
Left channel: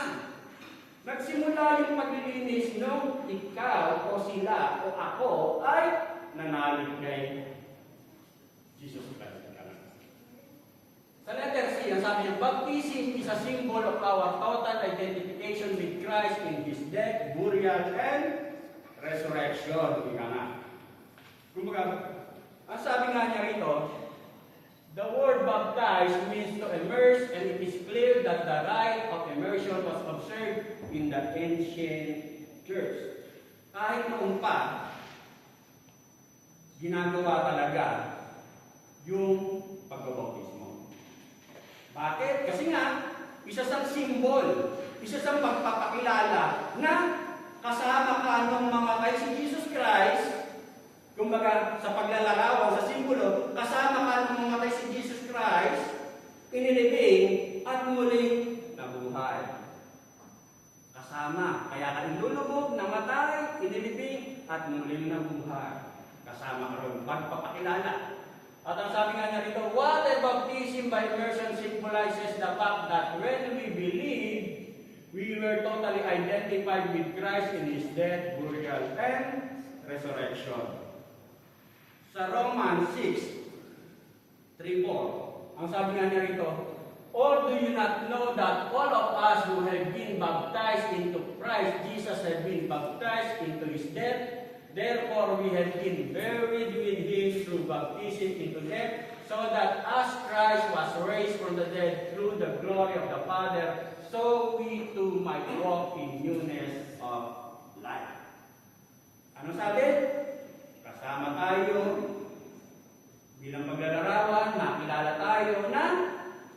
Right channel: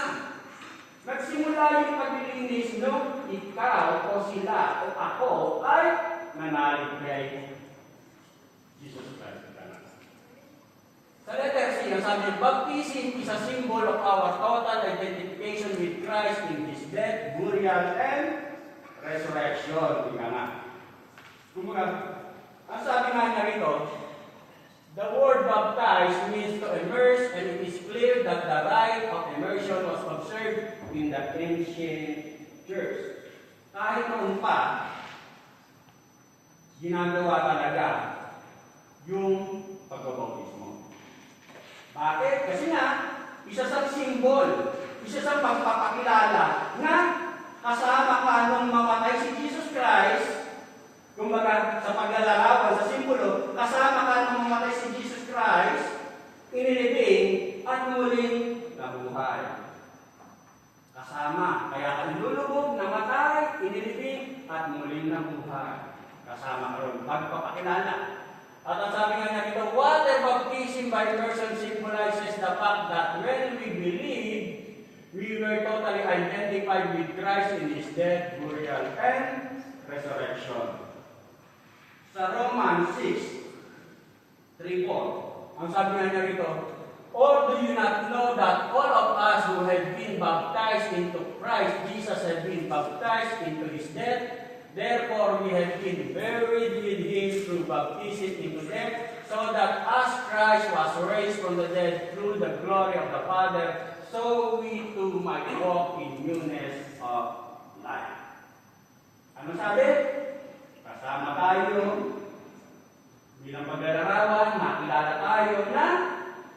Nagsimula yung paglilinis nyo, ikaw o sila o ako ay nanalig kay Jesus Christ. Sa letter C, ang sabi, baptism is a symbol of our total identification with Christ in His death, burial, and resurrection. Ika nga. Kumbaga, ang sabi nga niya rito, the word baptize means to immerse, and it is clear that the rite of immersion was observed in the ancient church. Kahit noon pa, ginagawa talaga yung pagbabautismo. Bakit? Kasi nga, isa sa simbol, isa sa pagpapakilala na kasama ka nung mamatay si Jesus Christ, kumbaga sa paglalarawan, sa simbolo, kasama ka nung mamatay si Jesus Christ, inilibing at muling nabuhay. Kasama. ng buhay. Kasama ka ron, pagpapakilala. At ang sabi nga niya dito, water baptism by immersion symbolizes the fact that when we believe, we were totally identified with Christ in His death, burial, and resurrection. Sa Romans 6:3-4, ang sabi nga niya rito, or do you not know that all of us who have been baptized into Christ Jesus have been baptized into His death? Therefore we have been buried with Him through baptism into death, so that as Christ was raised from the dead through the glory of the Father, so we too might walk in newness of life. Ano sabi? Kasama tayo bilang paglalarawan, nakilala tayo na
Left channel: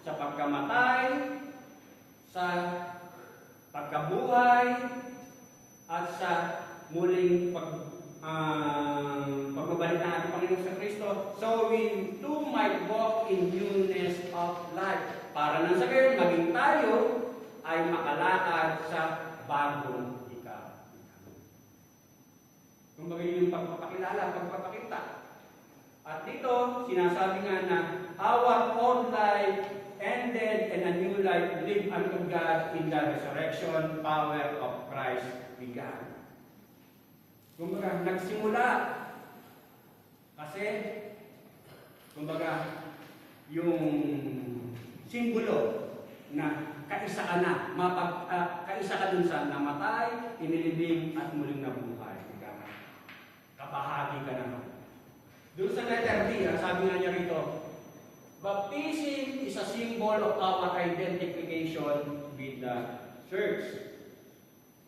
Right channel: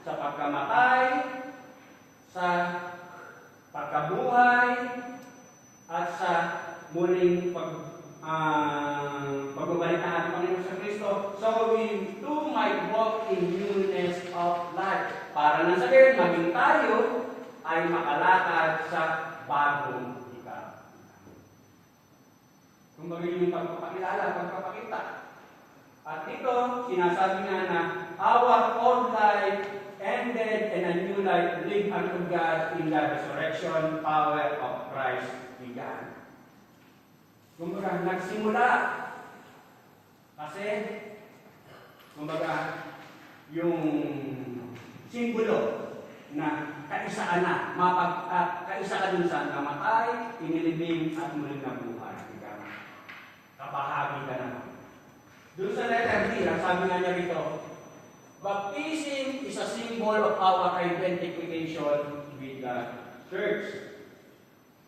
sa pagkamatay, sa pagkabuhay, at sa muling pagbabalik ng ating Panginoon sa Kristo. So we too might walk in newness of life. Para nang sabihin, maging tayo ay makalakad sa bagong ika. Kung magiging yung pagpapakilala, pagpapakita. At dito, sinasabi nga na our old life ended and a new life lived unto God in the resurrection power of Christ began. Kumbaga, nagsimula. Kasi, kumbaga, yung simbolo na kaisa ka na, kaisa ka dun sa namatay, inilibing at muling nabuhay. Kapahagi ka naman. Doon sa letter D, sabi nga niya rito, baptism is a symbol of our identification with the church.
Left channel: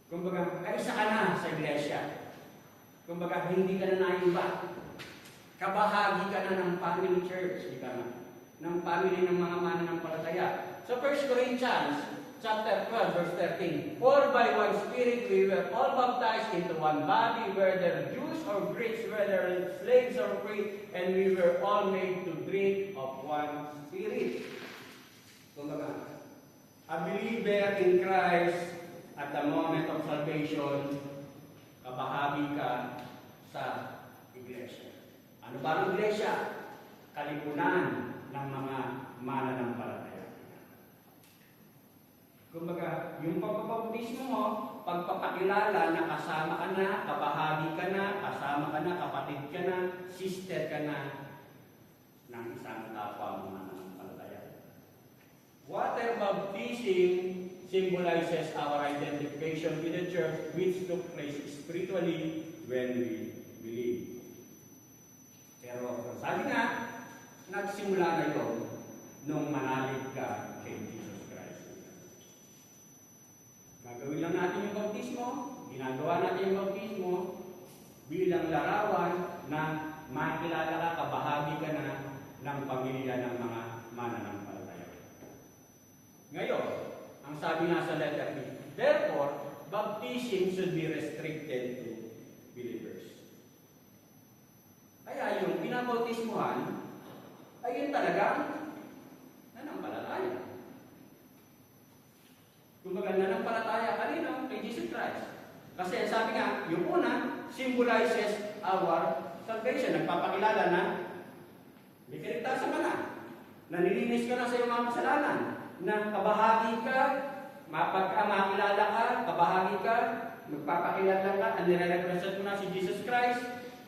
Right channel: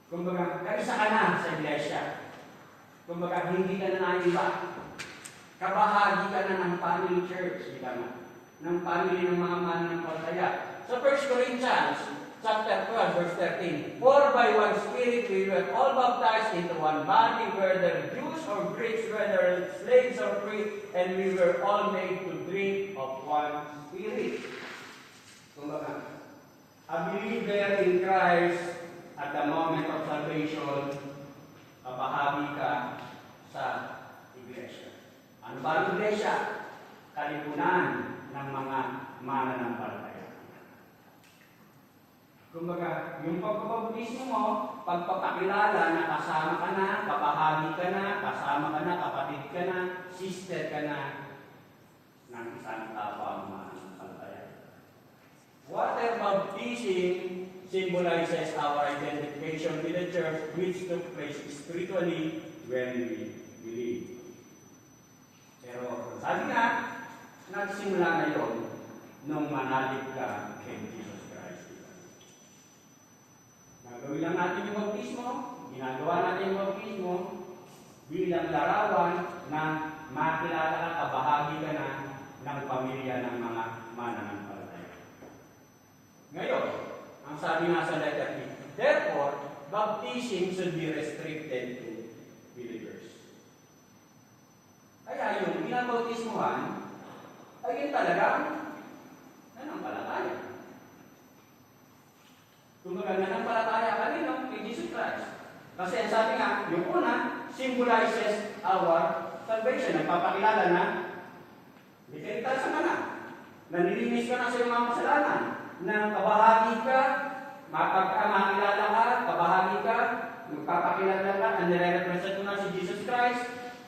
Kumbaga, kaisa ka na sa iglesia. Kumbaga, hindi ka na naiba. Kabahagi ka na ng family church, di ba na? Ng family ng mga mananampalataya. So 1 Corinthians chapter 12, verse 13, for by one Spirit we were all baptized into one body, whether Jews or Greeks, whether slaves or free, and we were all made to drink of one Spirit. Kumbaga, a believer in Christ at the moment of salvation, kabahagi ka sa iglesia. Ano ba ang iglesia? Kalipunan ng mga mananampalataya. Kumbaga, yung pagpapabautismo mo, pagpapakilala na kasama ka na, kabahagi ka na, kasama ka na, kapatid ka na, sister ka na, ng isang kapwa mananampalataya. Water baptism symbolizes our identification with the church, which took place spiritually when we believe. Pero sabi nga, nagsimula na yun nung manalig ka kay Jesus Christ. Gagawin lang natin yung bautismo, ginagawa natin yung bautismo bilang larawan na makilala ka, kabahagi ka na ng pamilya ng mga mananampalataya. Ngayon, ang sabi nga sa letter E, therefore, baptism should be restricted to believers. Kaya yung binabautismuhan ay yun talagang nanampalataya. Kumbaga, nanampalataya ka rin kay Jesus Christ. Kasi sabi nga, yung una, symbolizes our salvation. Nagpapakilala na iligtasan ka na. Nanilinis ka na sa iyong mga kasalanan. Na kabahagi ka, makilala ka, kabahagi ka, magpapakilala ka, ang nire-represent mo na si Jesus Christ,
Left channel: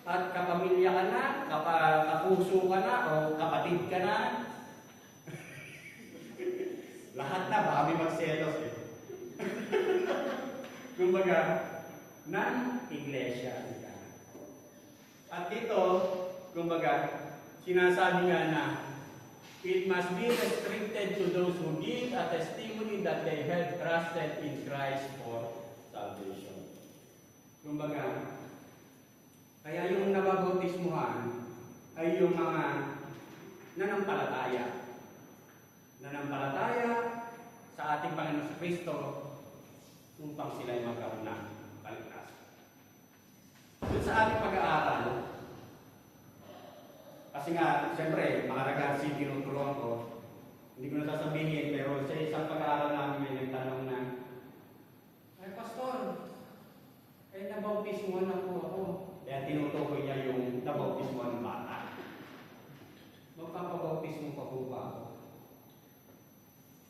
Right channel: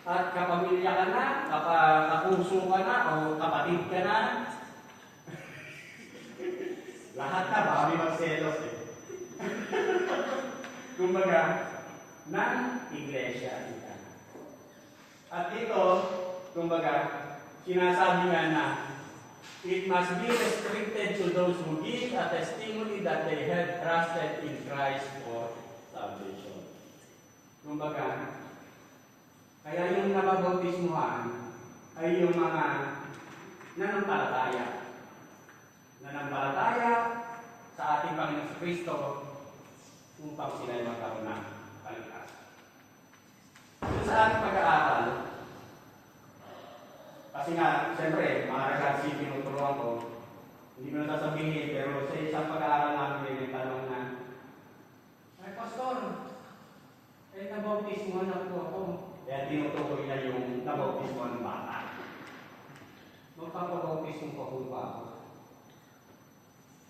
at kapamilya ka na, kapuso ka na, o kapatid ka na. Lahat na, baka may magselos eh. Kumbaga, ng iglesia ika. At dito, kumbaga, sinasabi nga na, it must be restricted to those who give a testimony that they have trusted in Christ for salvation. Kumbaga, kaya yung nababautismuhan ay yung mga nanampalataya. Nanampalataya sa ating Panginoon Kristo upang sila ay magkaroon ng kaligtasan. Sa ating pag-aaral, kasi nga, siyempre, mahalaga si tinuturuan ko. Hindi ko na sasabihin, pero sa isang pag-aaral namin may nagtanong na, ay, Pastor, nabautismuhan na po ako. Kaya tinuturuan po ba ako?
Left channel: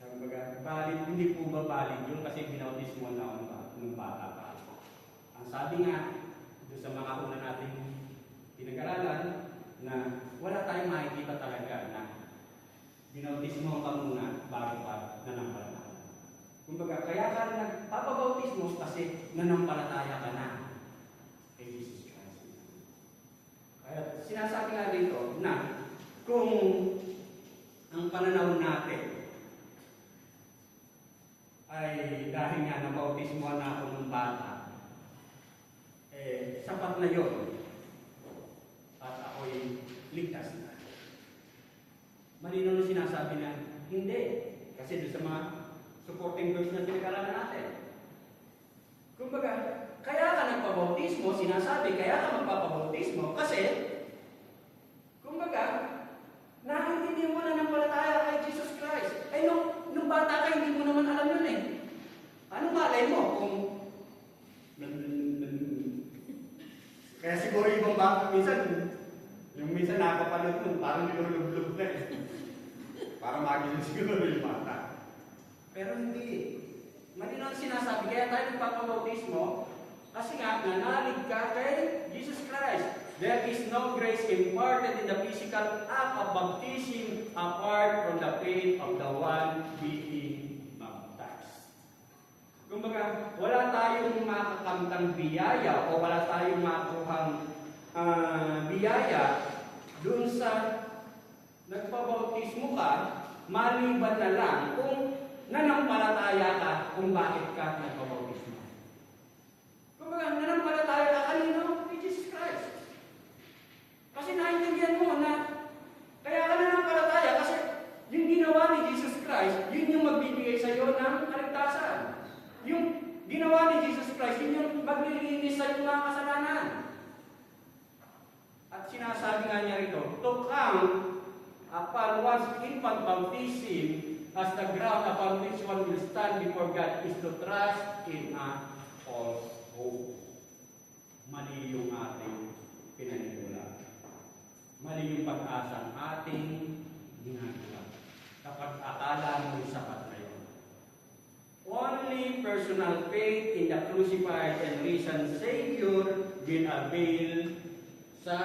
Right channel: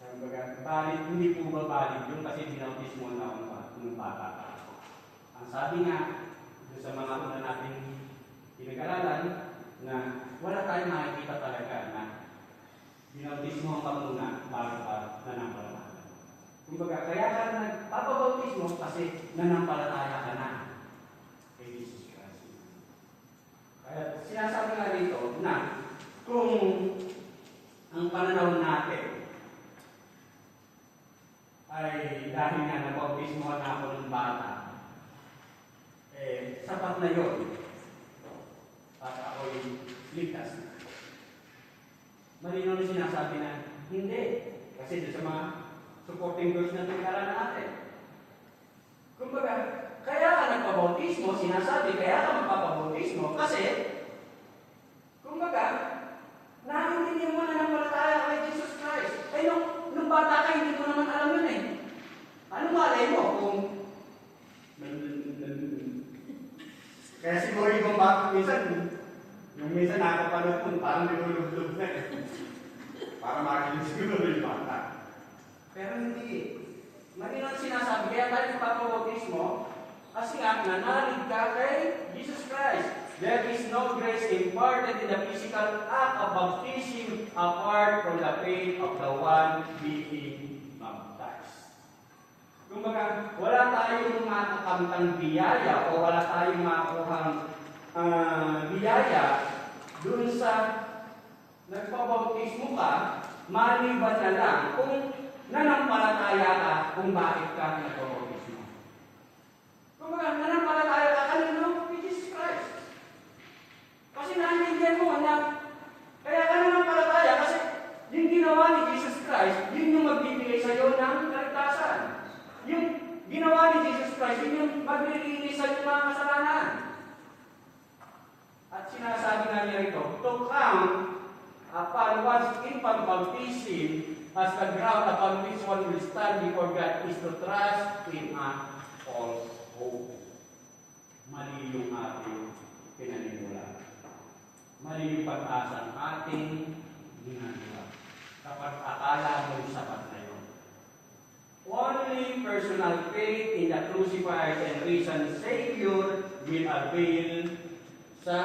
Kumbaga, valid, hindi po ba valid yun kasi binautismo na ako nung bata pa. Ang sabi nga, doon sa mga una natin pinag-aralan, na wala tayong makikita talaga na binautismo ka muna bago ka nanampalataya. Kumbaga, kaya ka nagpapabautismo kasi nanampalataya ka na kay Jesus Christ. Kaya sinasabi nga rito na kung ang pananaw natin ay dahil nga nabautismo na ako ng bata, sapat na yun. At ako'y ligtas na. Malinaw na sinasabi na, hindi. Kasi doon sa mga supporting verse na pinag-aralan natin. Kumbaga, kaya ka nagpabautismo, sinasabi, kaya ka magpapabautismo, kasi, kumbaga, naiintindihan mo na ng palataya kay Jesus Christ. Nung bata ka, hindi mo naman alam yun eh. Ano malay mo kung kaya siguro yung bata minsan nakapanood mo, parang nilulublob na eh. Para makinig siguro yung bata. Pero hindi. Malinaw sinasabi, kaya tayo nagpapabautismo, kasi nga, nanalig ka kay Jesus Christ. There is no grace imparted in the physical act of baptism apart from the faith of the one being baptized. Kumbaga, wala tayong makakamtang biyaya o wala tayong makuhang biyaya dun sa nagpabautismo ka, maliban na lang kung nanampalataya ka kung bakit ka nagpabautismo. Kumbaga, nanampalataya ka kanino? Kay Jesus Christ. Kasi naintindihan mo na kaya ka nanampalataya kasi yung ginawa ni Jesus Christ, yun yung magbibigay sa iyo ng kaligtasan. Yung ginawa ni Jesus Christ, yun yung magbibigay sa iyo ng mga kasalanan. At sinasabi nga niya rito, to come upon one's infant baptism as the ground upon which one will stand before God is to trust in a false hope. Mali yung ating pinaniniwalaan. Mali yung pag-asa ng ating ginagawa. Kapag akala mo yung sapat na yun. Only personal faith in the crucified and risen Savior will avail sa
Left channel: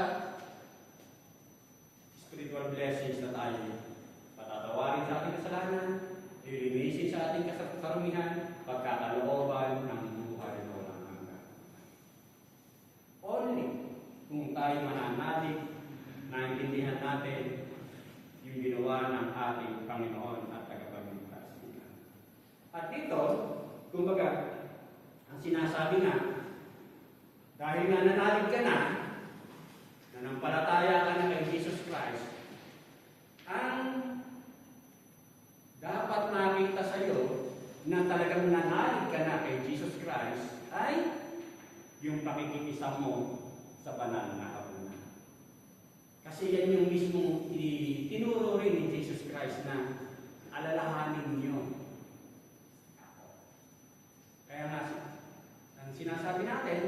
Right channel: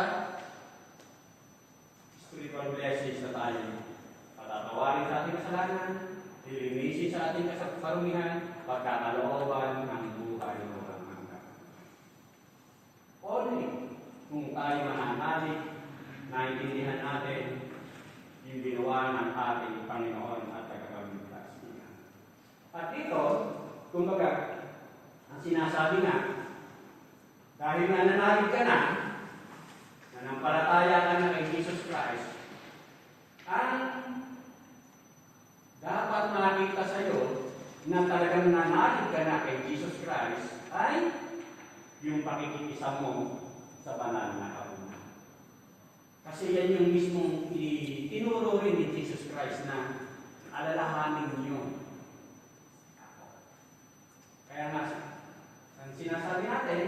spiritual blessings na tayo. Patatawarin sa ating kasalanan, ilinisin sa ating kasarumihan, pagkakalooban ng buhay na walang hanggan. Only kung tayo mananalig, naintindihan natin yung ginawa ng ating Panginoon at tagapagligtas niya. At ito, kumbaga, ang sinasabi na, dahil nga nanalig ka na, nanampalataya ka na kay Jesus Christ, ang dapat makita sa iyo na talagang nanalig ka na kay Jesus Christ ay yung pakikisama mo sa banal na kabunan. Kasi yan yung mismo tinuro rin ni Jesus Christ na alalahanin niyo ako. Kaya nga, ang sinasabi natin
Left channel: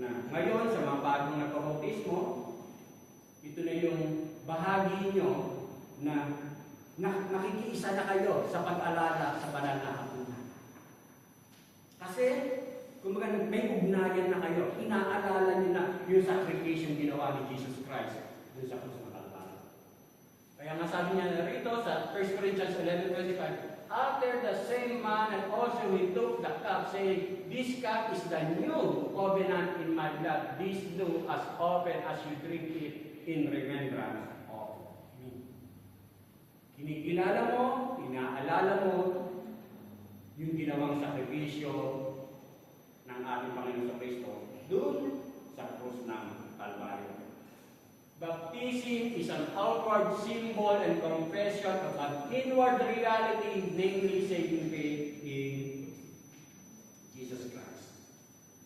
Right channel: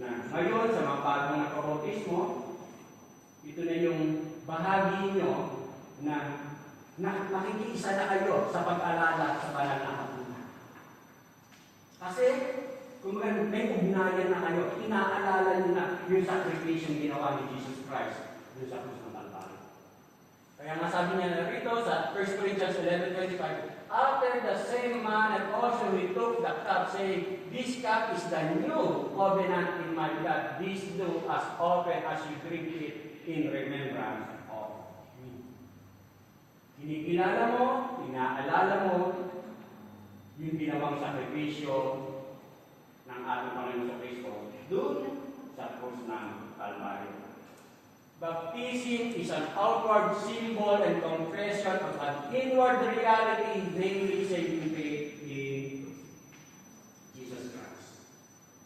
na ngayon sa mga bagong nagpabautismo, ito na yung bahagi nyo na nakikiisa na kayo sa pag-alala sa banal na kabunan. Kasi, kung may ugnayan na kayo, inaalala nyo na yung sacrifice ginawa ni Jesus Christ doon sa krus ng Kalbaryo. Kaya nga sabi niya rito sa 1 Corinthians 11:25, after the same manner also we took the cup, saying, this cup is the new covenant in my blood. This do as often as you drink it in remembrance of me. Kinikilala mo, inaalala mo yung ginawang sakripisyo ng ating Panginoon sa Kristo doon sa krus ng Kalbaryo. Baptism is an outward symbol and confession of an inward reality, namely saving faith in Jesus Christ.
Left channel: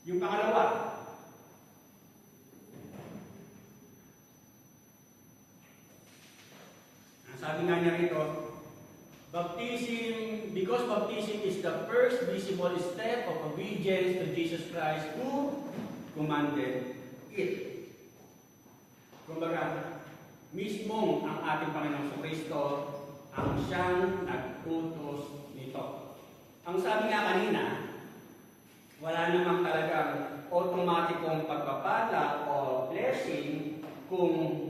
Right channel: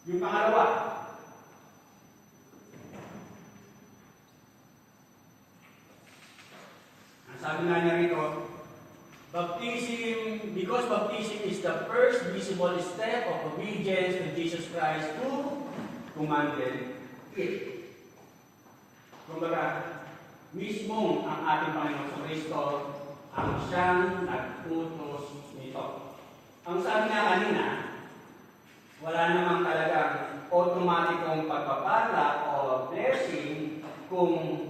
Yung pangalawa, ang sabi nga niya rito, baptism, because baptism is the first visible step of obedience to Jesus Christ who commanded it. Kumbaga, mismo ang ating Panginoong Kristo ang siyang nag-utos nito. Ang sabi nga kanina, wala namang talagang automatikong pagpapala o blessing kung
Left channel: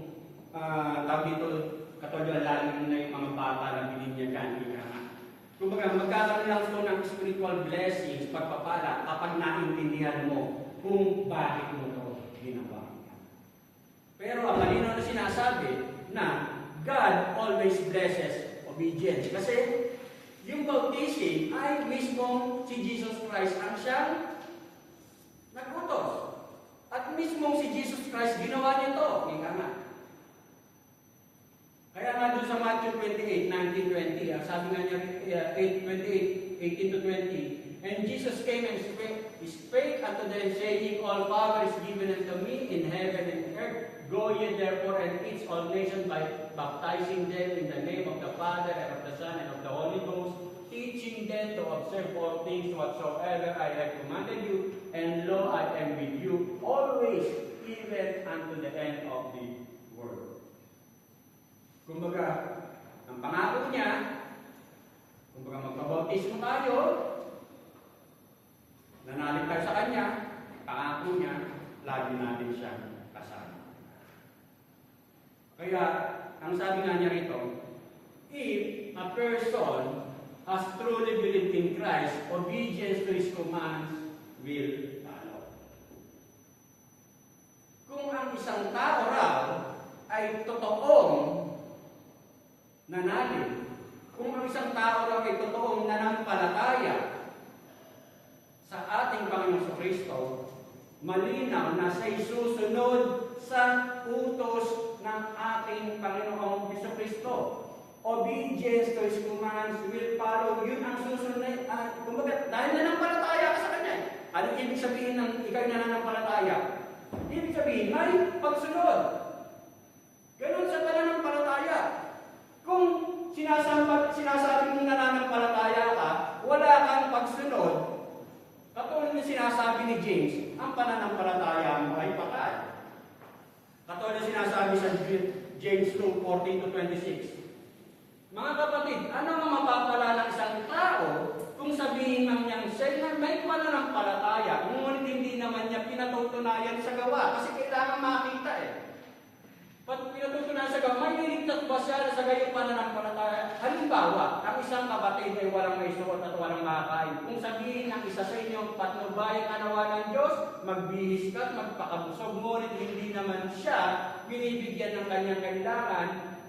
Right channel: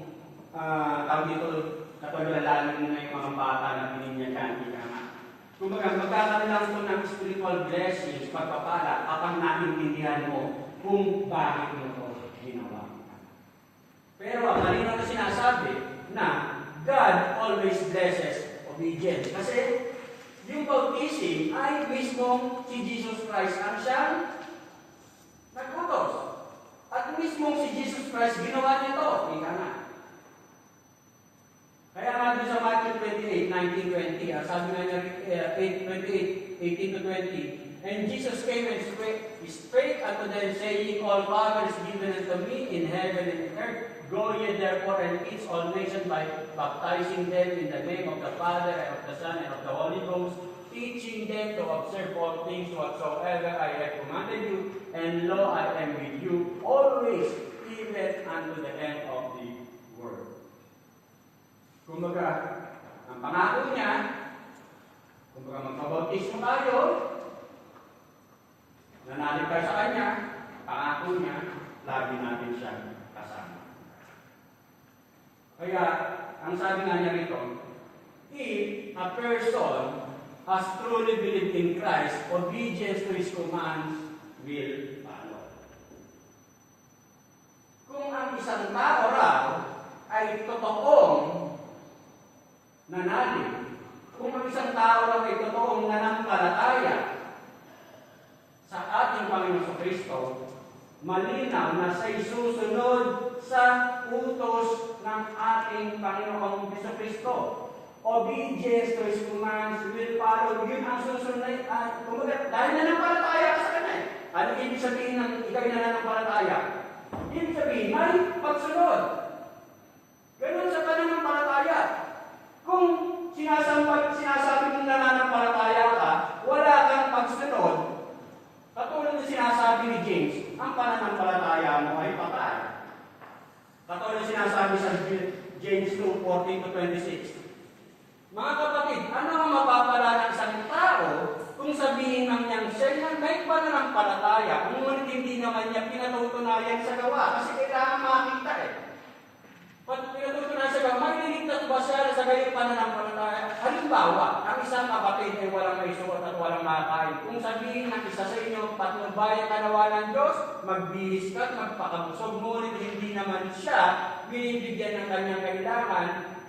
katulad na lalo na yung mga bata na bininyagan nila. Kumbaga, magkakaroon lang ito ng spiritual blessings, pagpapala, kapag naintindihan mo kung bakit mo ito ginawa. Pero kanina na sinasabi na God always blesses obedience. Kasi yung baptism ay mismo si Jesus Christ ang siyang nag-utos. At mismo si Jesus Christ ginawa nito. Ika nga. Kaya nga doon sa Matthew 28, 19-20, sabi nga niya 28, 18 to 20, and Jesus came and spake unto them, saying, All power is given unto me in heaven and earth. Go ye therefore and teach all nations by baptizing them in the name of the Father and of the Son and of the Holy Ghost, teaching them to observe all things whatsoever I have commanded you, and lo, I am with you always, even unto the end of the world. Kumbaga, ang pangako niya, kumbaga magpabautismo tayo, nanalig tayo sa Kanya, pangako niya, lagi natin siyang kasama. Kaya, ang sabi nga niya rito, if a person has truly believed in Christ, obedience to His commands will follow. Kung ang isang tao raw ay totoong nanalig, kung ang isang tao raw ay totoong nanampalataya sa ating Panginoon Kristo, malinaw na siya'y susunod sa utos ng ating Panginoong Kristo. Obedience to His commands will follow. Yun ang susunod. Kumbaga, dahil nanampalataya ka sa Kanya. Ano ibig sabihin ng ikaw'y nananampalataya? Ibig sabihin, may pagsunod. Ganun sa pananampalataya. Kung sinasabi mong nananampalataya ka, wala kang pagsunod, katulad na sinasabi ni James, ang pananampalataya mo ay patay. Katulad na sinasabi sa James 2:14-26. Mga kapatid, ano ang mapapala ng isang tao kung sabihin ng niyang siya may pananampalataya, ngunit hindi naman niya pinatutunayan sa gawa kasi kailangan makita Pag pinatutunan sa gawa, magliligtas ba siya sa gayong pananampalataya? Halimbawa, ang isang kapatid ay walang may suot at walang makain. Kung sabihin ng isa sa inyo, patnubayan ka nawa ng Diyos, magbihis ka at magpakabusog, ngunit hindi naman siya binibigyan ng kanyang kailangan,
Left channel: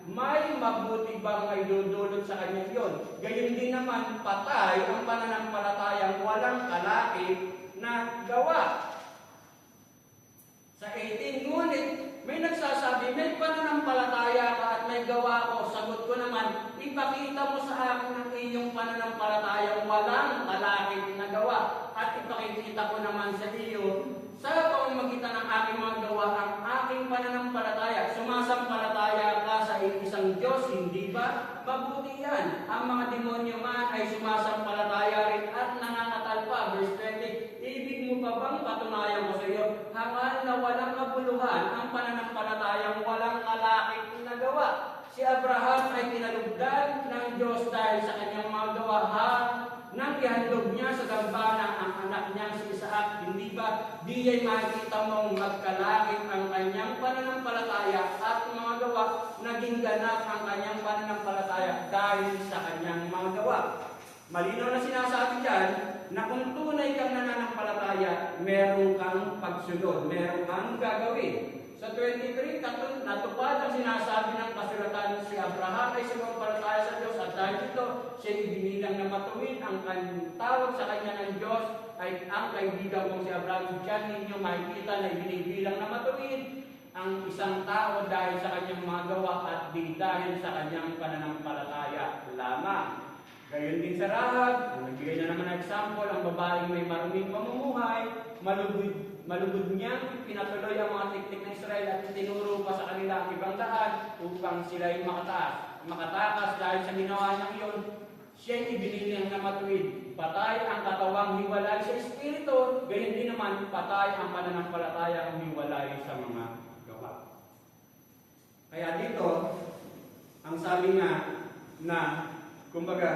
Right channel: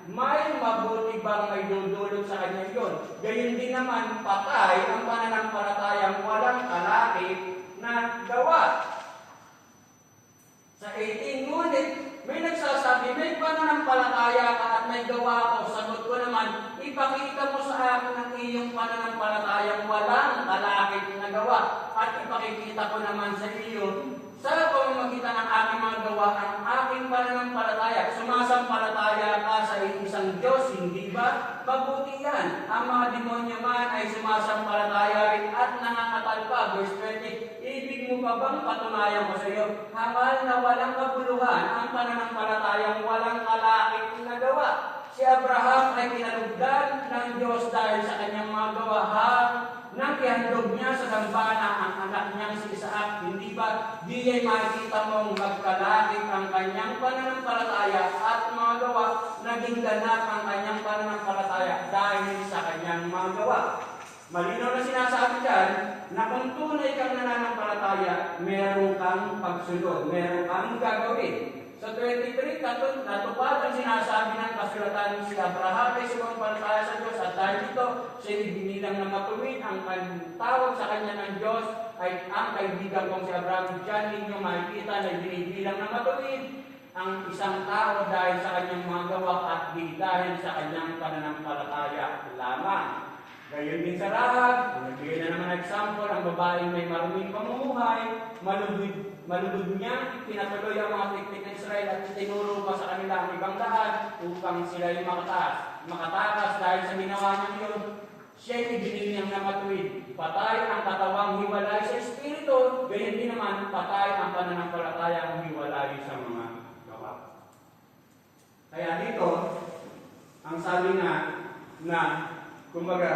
may mabuti bang may dudulot sa kanya yun? Gayon din naman, patay ang pananampalatayang walang kalakip na gawa. Sa 18, ngunit may nagsasabi, may pananampalataya ka at may gawa ako. Sagot ko naman, ipakita mo sa akin ang iyong pananampalatayang walang kalakip na gawa. At ipakikita ko naman sa iyo, sa pamamagitan ng aking mga gawa, ang aking pananampalataya. Sumasampalataya ka sa isang Diyos, hindi ba? Mabuti yan. Ang mga demonyo man ay sumasampalataya rin at nangangatal pa. Verse 20, ibig mo pa bang patunayan ko sa iyo? Hangal na walang kabuluhan ang pananampalatayang walang kalakip na gawa. Si Abraham ay kinalugdan ng Diyos dahil sa kanyang mga gawa nang ihandog niya sa dambana ang anak niyang si Isaac. Hindi ba di ay makikita mong magkalakip ang kanyang pananampalataya at mga gawa, naging ganap ang kanyang pananampalataya dahil sa kanyang mga gawa. Malinaw na sinasabi dyan na kung tunay kang nananampalataya, meron kang pagsunod, meron kang gagawin. Sa 23, natupad ang sinasabi ng kasulatan si Abraham ay sumampalataya sa Diyos at dahil dito, siya binilang na matuwid. Ang tawag sa kanya ng Diyos ay ang kaibigan kong si Abraham. Diyan ninyo makikita na binibilang na matuwid ang isang tao dahil sa kanyang mga gawa at di dahil sa kanyang pananampalataya lamang. Gayon din sa Rahab, nagbigay na naman example, ang babaeng may maruming pamumuhay, malulog niya, pinatuloy ang mga tiktik ng Israel at tinuro pa sa kanila ang ibang daan upang sila'y makatakas dahil sa ginawa niya yun. Siya'y ibinilang na matuwid. Patay ang katawang hiwalay sa Espiritu, gayon din naman patay ang pananampalatayang hiwalay sa mga gawa. Kaya dito, sinasabi nga na, kumbaga,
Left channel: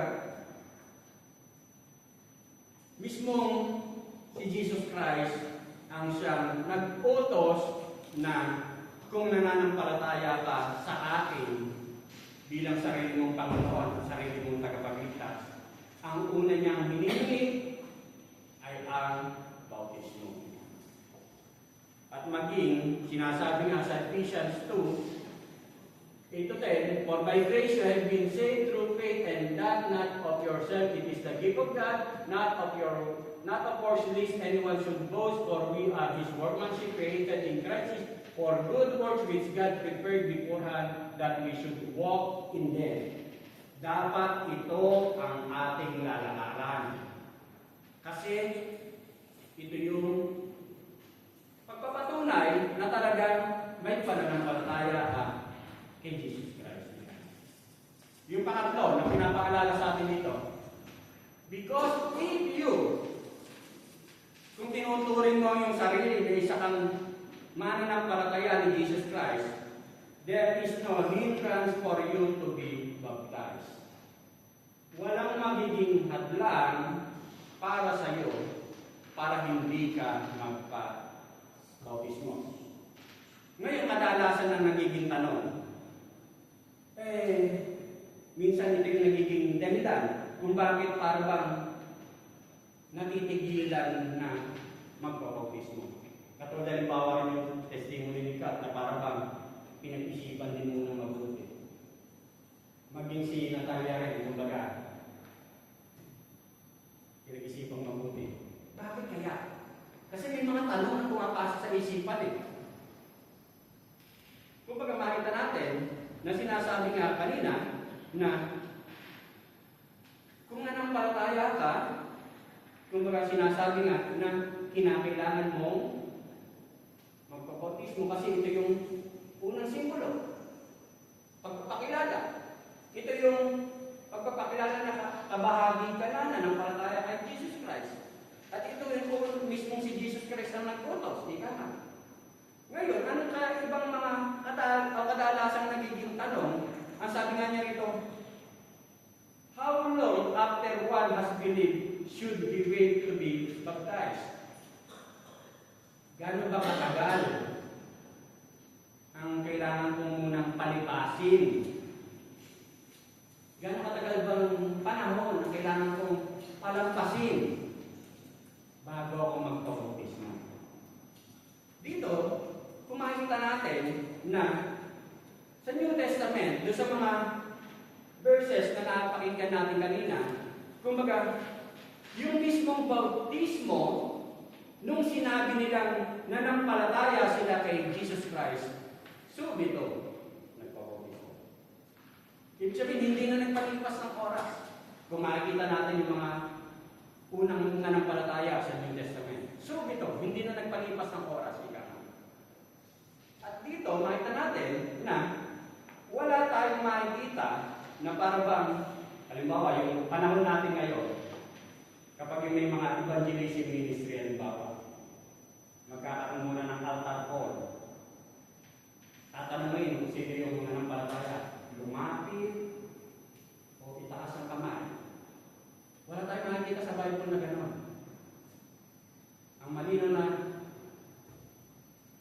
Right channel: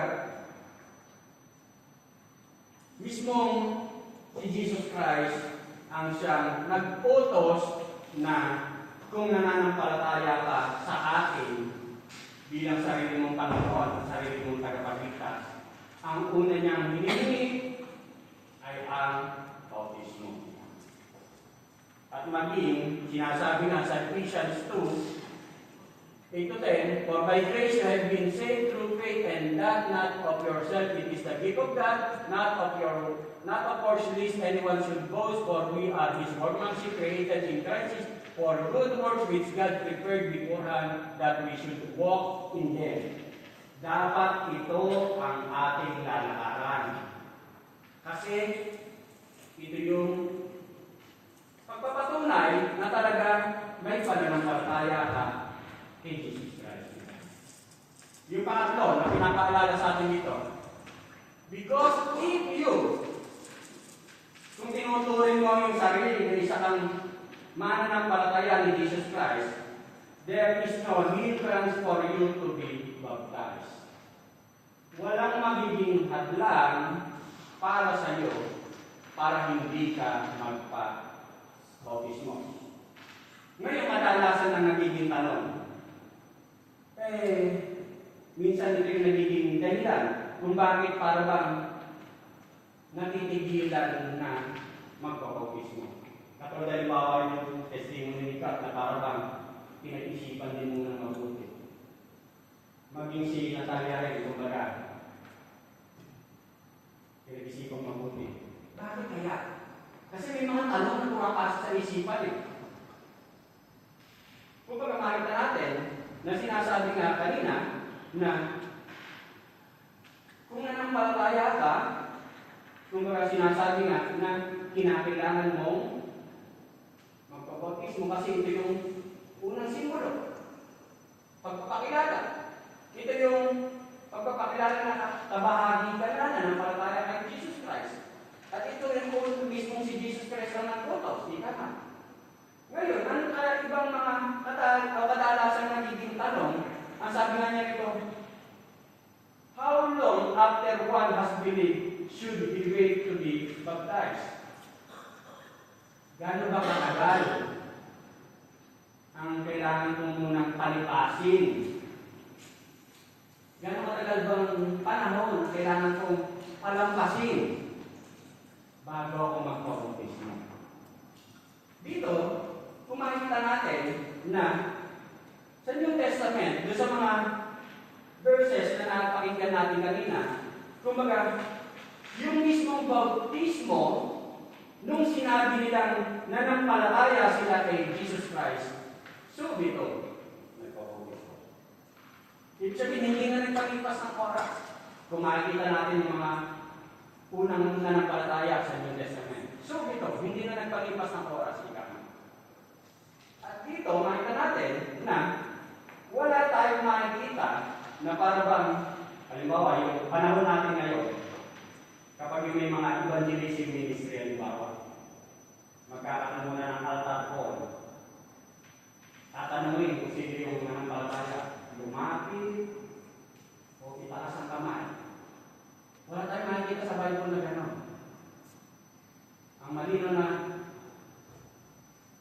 mismong si Jesus Christ ang siyang nag-utos na kung nananampalataya ka sa akin bilang sarili mong Panginoon, sarili mong tagapagligtas, ang una niyang hinihingi ay ang bautismo. At maging, sinasabi nga sa Ephesians 2:8-10, for by grace you have been saved through faith, and that not of yourself, it is the gift of God, not of works, lest anyone should boast, for we are His workmanship, created in Christ for good works which God prepared beforehand that we should walk in them. Dapat ito ang ating lalakaran. Kasi ito yung pagpapatunay na talaga may pananampalataya ka kay Jesus Christ. Yung pangatlo na pinapaalala sa atin dito, because if you, kung tinuturing mo yung sarili na isa kang mananampalataya ni Jesus Christ, there is no hindrance for you to be baptized. Walang magiging hadlang para sa iyo para hindi ka magpa-bautismo. Ngayon, kadalasan na nagiging tanong, minsan ito yung nagiging dahilan kung bakit para bang natitigilan na magpa-bautismo. Katulad halimbawa yung testimony ni Kat na para bang pinag-isipan din muna mabuti. Maging si Natalia rin, kumbaga, pinag-isipan mabuti. Bakit kaya? Kasi may mga tanong na pumapasok sa isipan eh. Kumbaga makita natin na sinasabi nga kanina na kung nanampalataya ka, kumbaga sinasabi nga na kinakailangan mong magpabautismo kasi ito yung unang simbolo. Pagpapakilala. Ito yung pagpapakilala na kabahagi ka na nanampalataya kay Jesus Christ. At ito rin po mismo si Jesus Christ ang nag-utos. Di ka. Ngayon, ano kaya ibang mga kadalasan nagiging tanong? Ang sabi nga niya ito, how long after one has believed should he wait to be baptized? Gano'n ba katagal ang kailangan kong munang palipasin? Gano'n katagal bang panahon ang kailangan kong palampasin bago ako magpabautismo? Dito, kung makikita natin na sa New Testament, doon sa mga verses na napakinggan natin kanina, kumbaga, yung mismong bautismo, nung sinabi nilang nanampalataya sila kay Jesus Christ, so dito, nagpapautismo. Ibig sabihin, hindi na nagpalipas ng oras. Kung makikita natin yung mga unang nanampalataya sa New Testament. So dito, hindi na nagpalipas ng oras. At dito, makita natin na wala tayong makikita na para bang, halimbawa, yung panahon natin ngayon, kapag may mga evangelism ministry, halimbawa, magkakaroon muna ng altar call. Tatanungin kung sino yung nanampalataya, lumapit o itaas ang kamay. Wala tayong nakikita sa Bible na gano'n. Ang malino na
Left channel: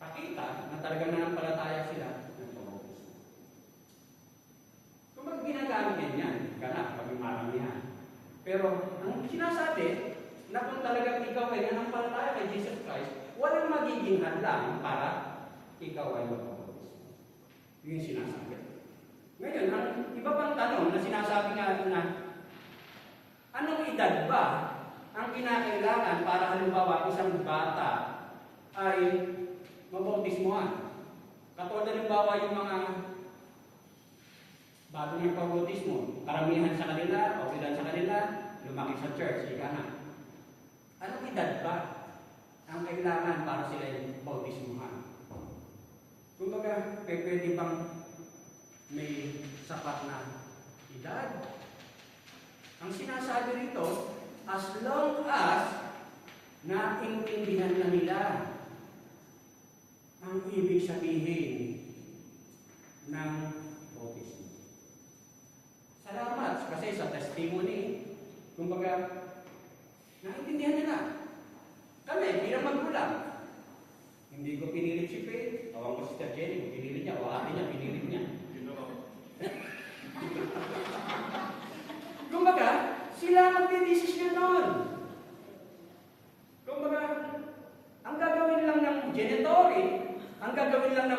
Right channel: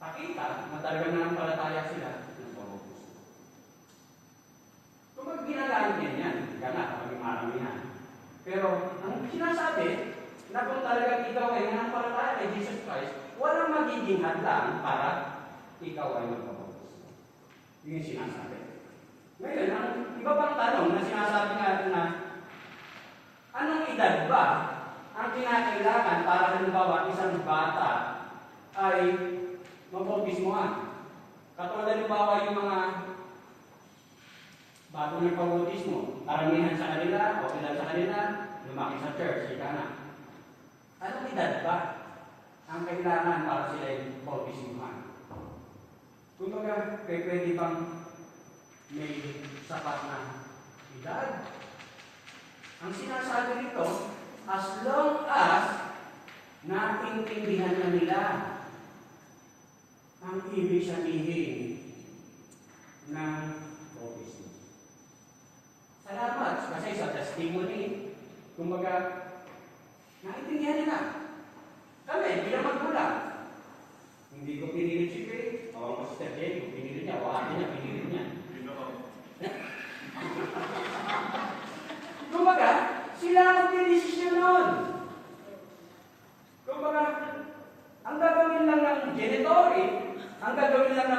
kakita na talagang nanampalataya sila ng pamubos. Kung mag-ginagamit din yan, gana, kapag maramihan. Pero, ang sinasabi, na kung talagang ikaw ay nanampalataya kay Jesus Christ, walang magiging hadlang para ikaw ay magpapautismo. Yun yung sinasabi. Ngayon, ang iba pang tanong na sinasabi natin na anong edad ba ang kinakailangan para halimbawa isang bata ay mabautismohan? Katulad halimbawa yung mga bago ng pabautismo, karamihan sa kanila o ilan sa kanila, lumaki sa church, ika na. Anong edad ba ang kailangan para sila yung bautismohan? Kumbaga, pwede bang may sapat na edad? Ang sinasabi rito, as long as naintindihan na nila ang ibig sabihin ng bautismo.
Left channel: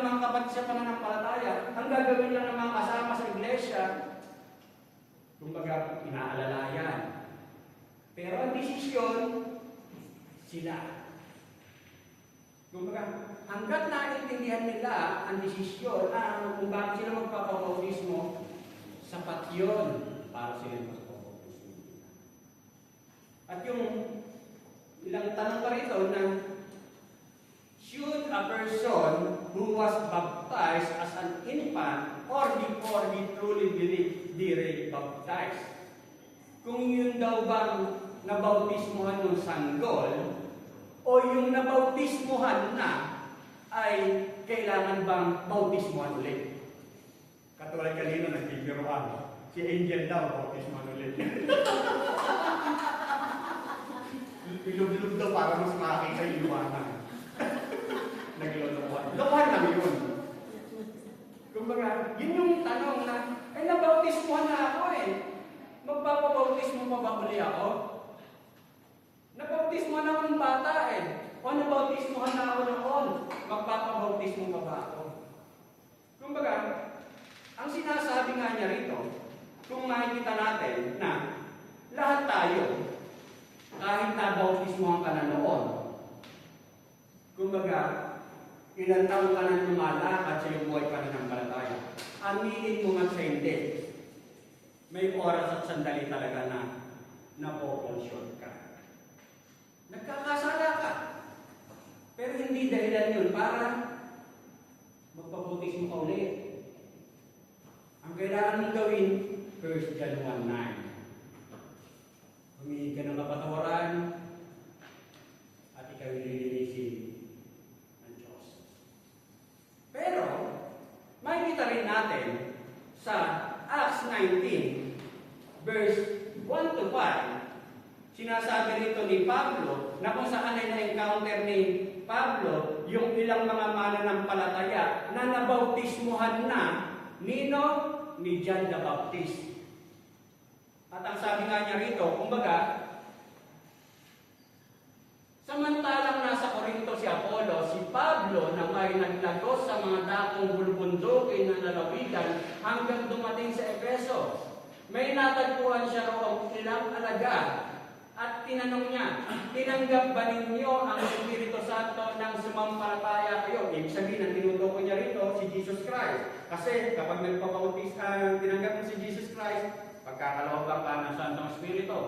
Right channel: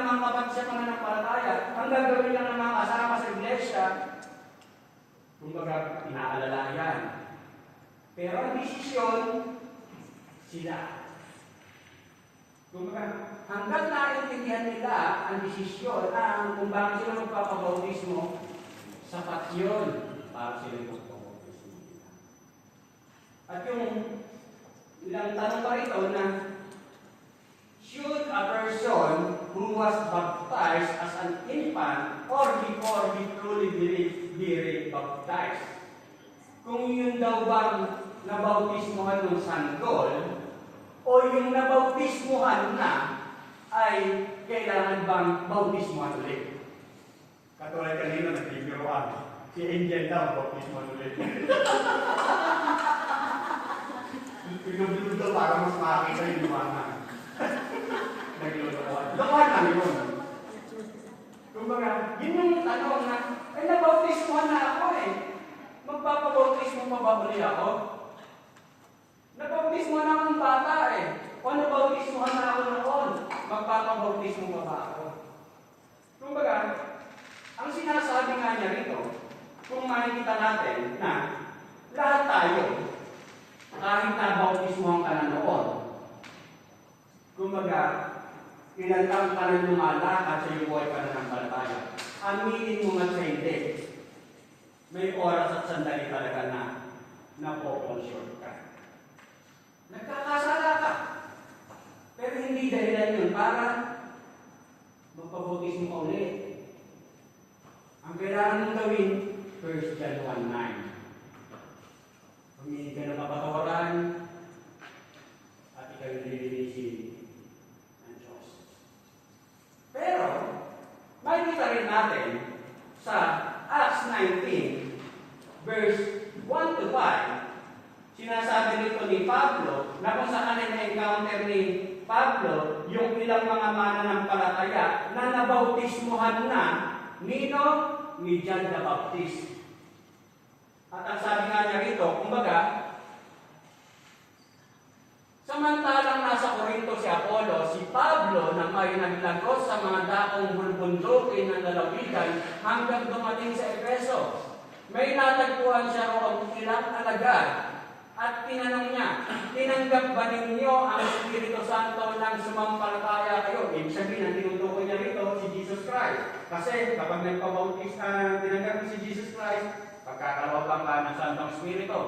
ng mga kapatid sa pananampalataya, ang gagawin lang ng mga kasama sa iglesia, kumbaga, inaalalayan. Pero ang desisyon, sila. Kumbaga, hanggang naintindihan nila ang desisyon na kung bakit sila magpapabautismo, sapat yun para sila magpapabautismo. At yung ilang tanong pa rito na, should a person who was baptized as an infant or before he truly be rebaptized? Kung yun daw bang nabautismuhan ng sanggol o yung nabautismuhan na ay kailangan bang bautismuhan ulit? Katulad kanina nagtigiroan, si Angel daw bautismuhan ulit. Bilog-bilog daw para mas makakita yung lumanan. Laman lang yun. Kumbaga, yun yung tanong na, nabautismuhan na ako eh. Magpapabautismo pa ba uli ako? Nabautismuhan na akong bata eh. O nabautismuhan na ako noon, magpapabautismo pa ba ako? Kumbaga, ang sinasabi nga niya rito, kung makikita natin na lahat tayo, kahit nabautismuhan ka na noon, kumbaga, ilang taon ka rin lumalakad sa iyong buhay pananampalataya. Aminin mo nga sa hindi. May oras at sandali talaga na napo-conscious ka. Nagkakasala ka. Pero hindi dahilan yun para magpabautismo ka ulit. Ang kailangan mong gawin, 1 John 1:9. Humingi ka ng kapatawaran at ikaw nililinisin. Pero, makikita rin natin sa Acts 19, verse 1 to 5, sinasabi rito ni Pablo na kung saan ay na-encounter ni Pablo yung ilang mga mananampalataya na nabautismuhan na nino ni John the Baptist. At ang sabi nga niya rito, kumbaga, samantalang nasa Corinto si Apollo, si Pablo na may naglagos sa mga dakong bulbundukin ng lalawigan hanggang dumating sa Efeso. May natagpuan siya roong ilang alagad at tinanong niya, tinanggap ba ninyo ang Espiritu Santo nang sumampalataya kayo? Ibig sabihin, ang tinutukoy niya rito si Jesus Christ. Kasi kapag nagpabautis, tinanggap mo si Jesus Christ, pagkakalawag ka ng Santong Espiritu.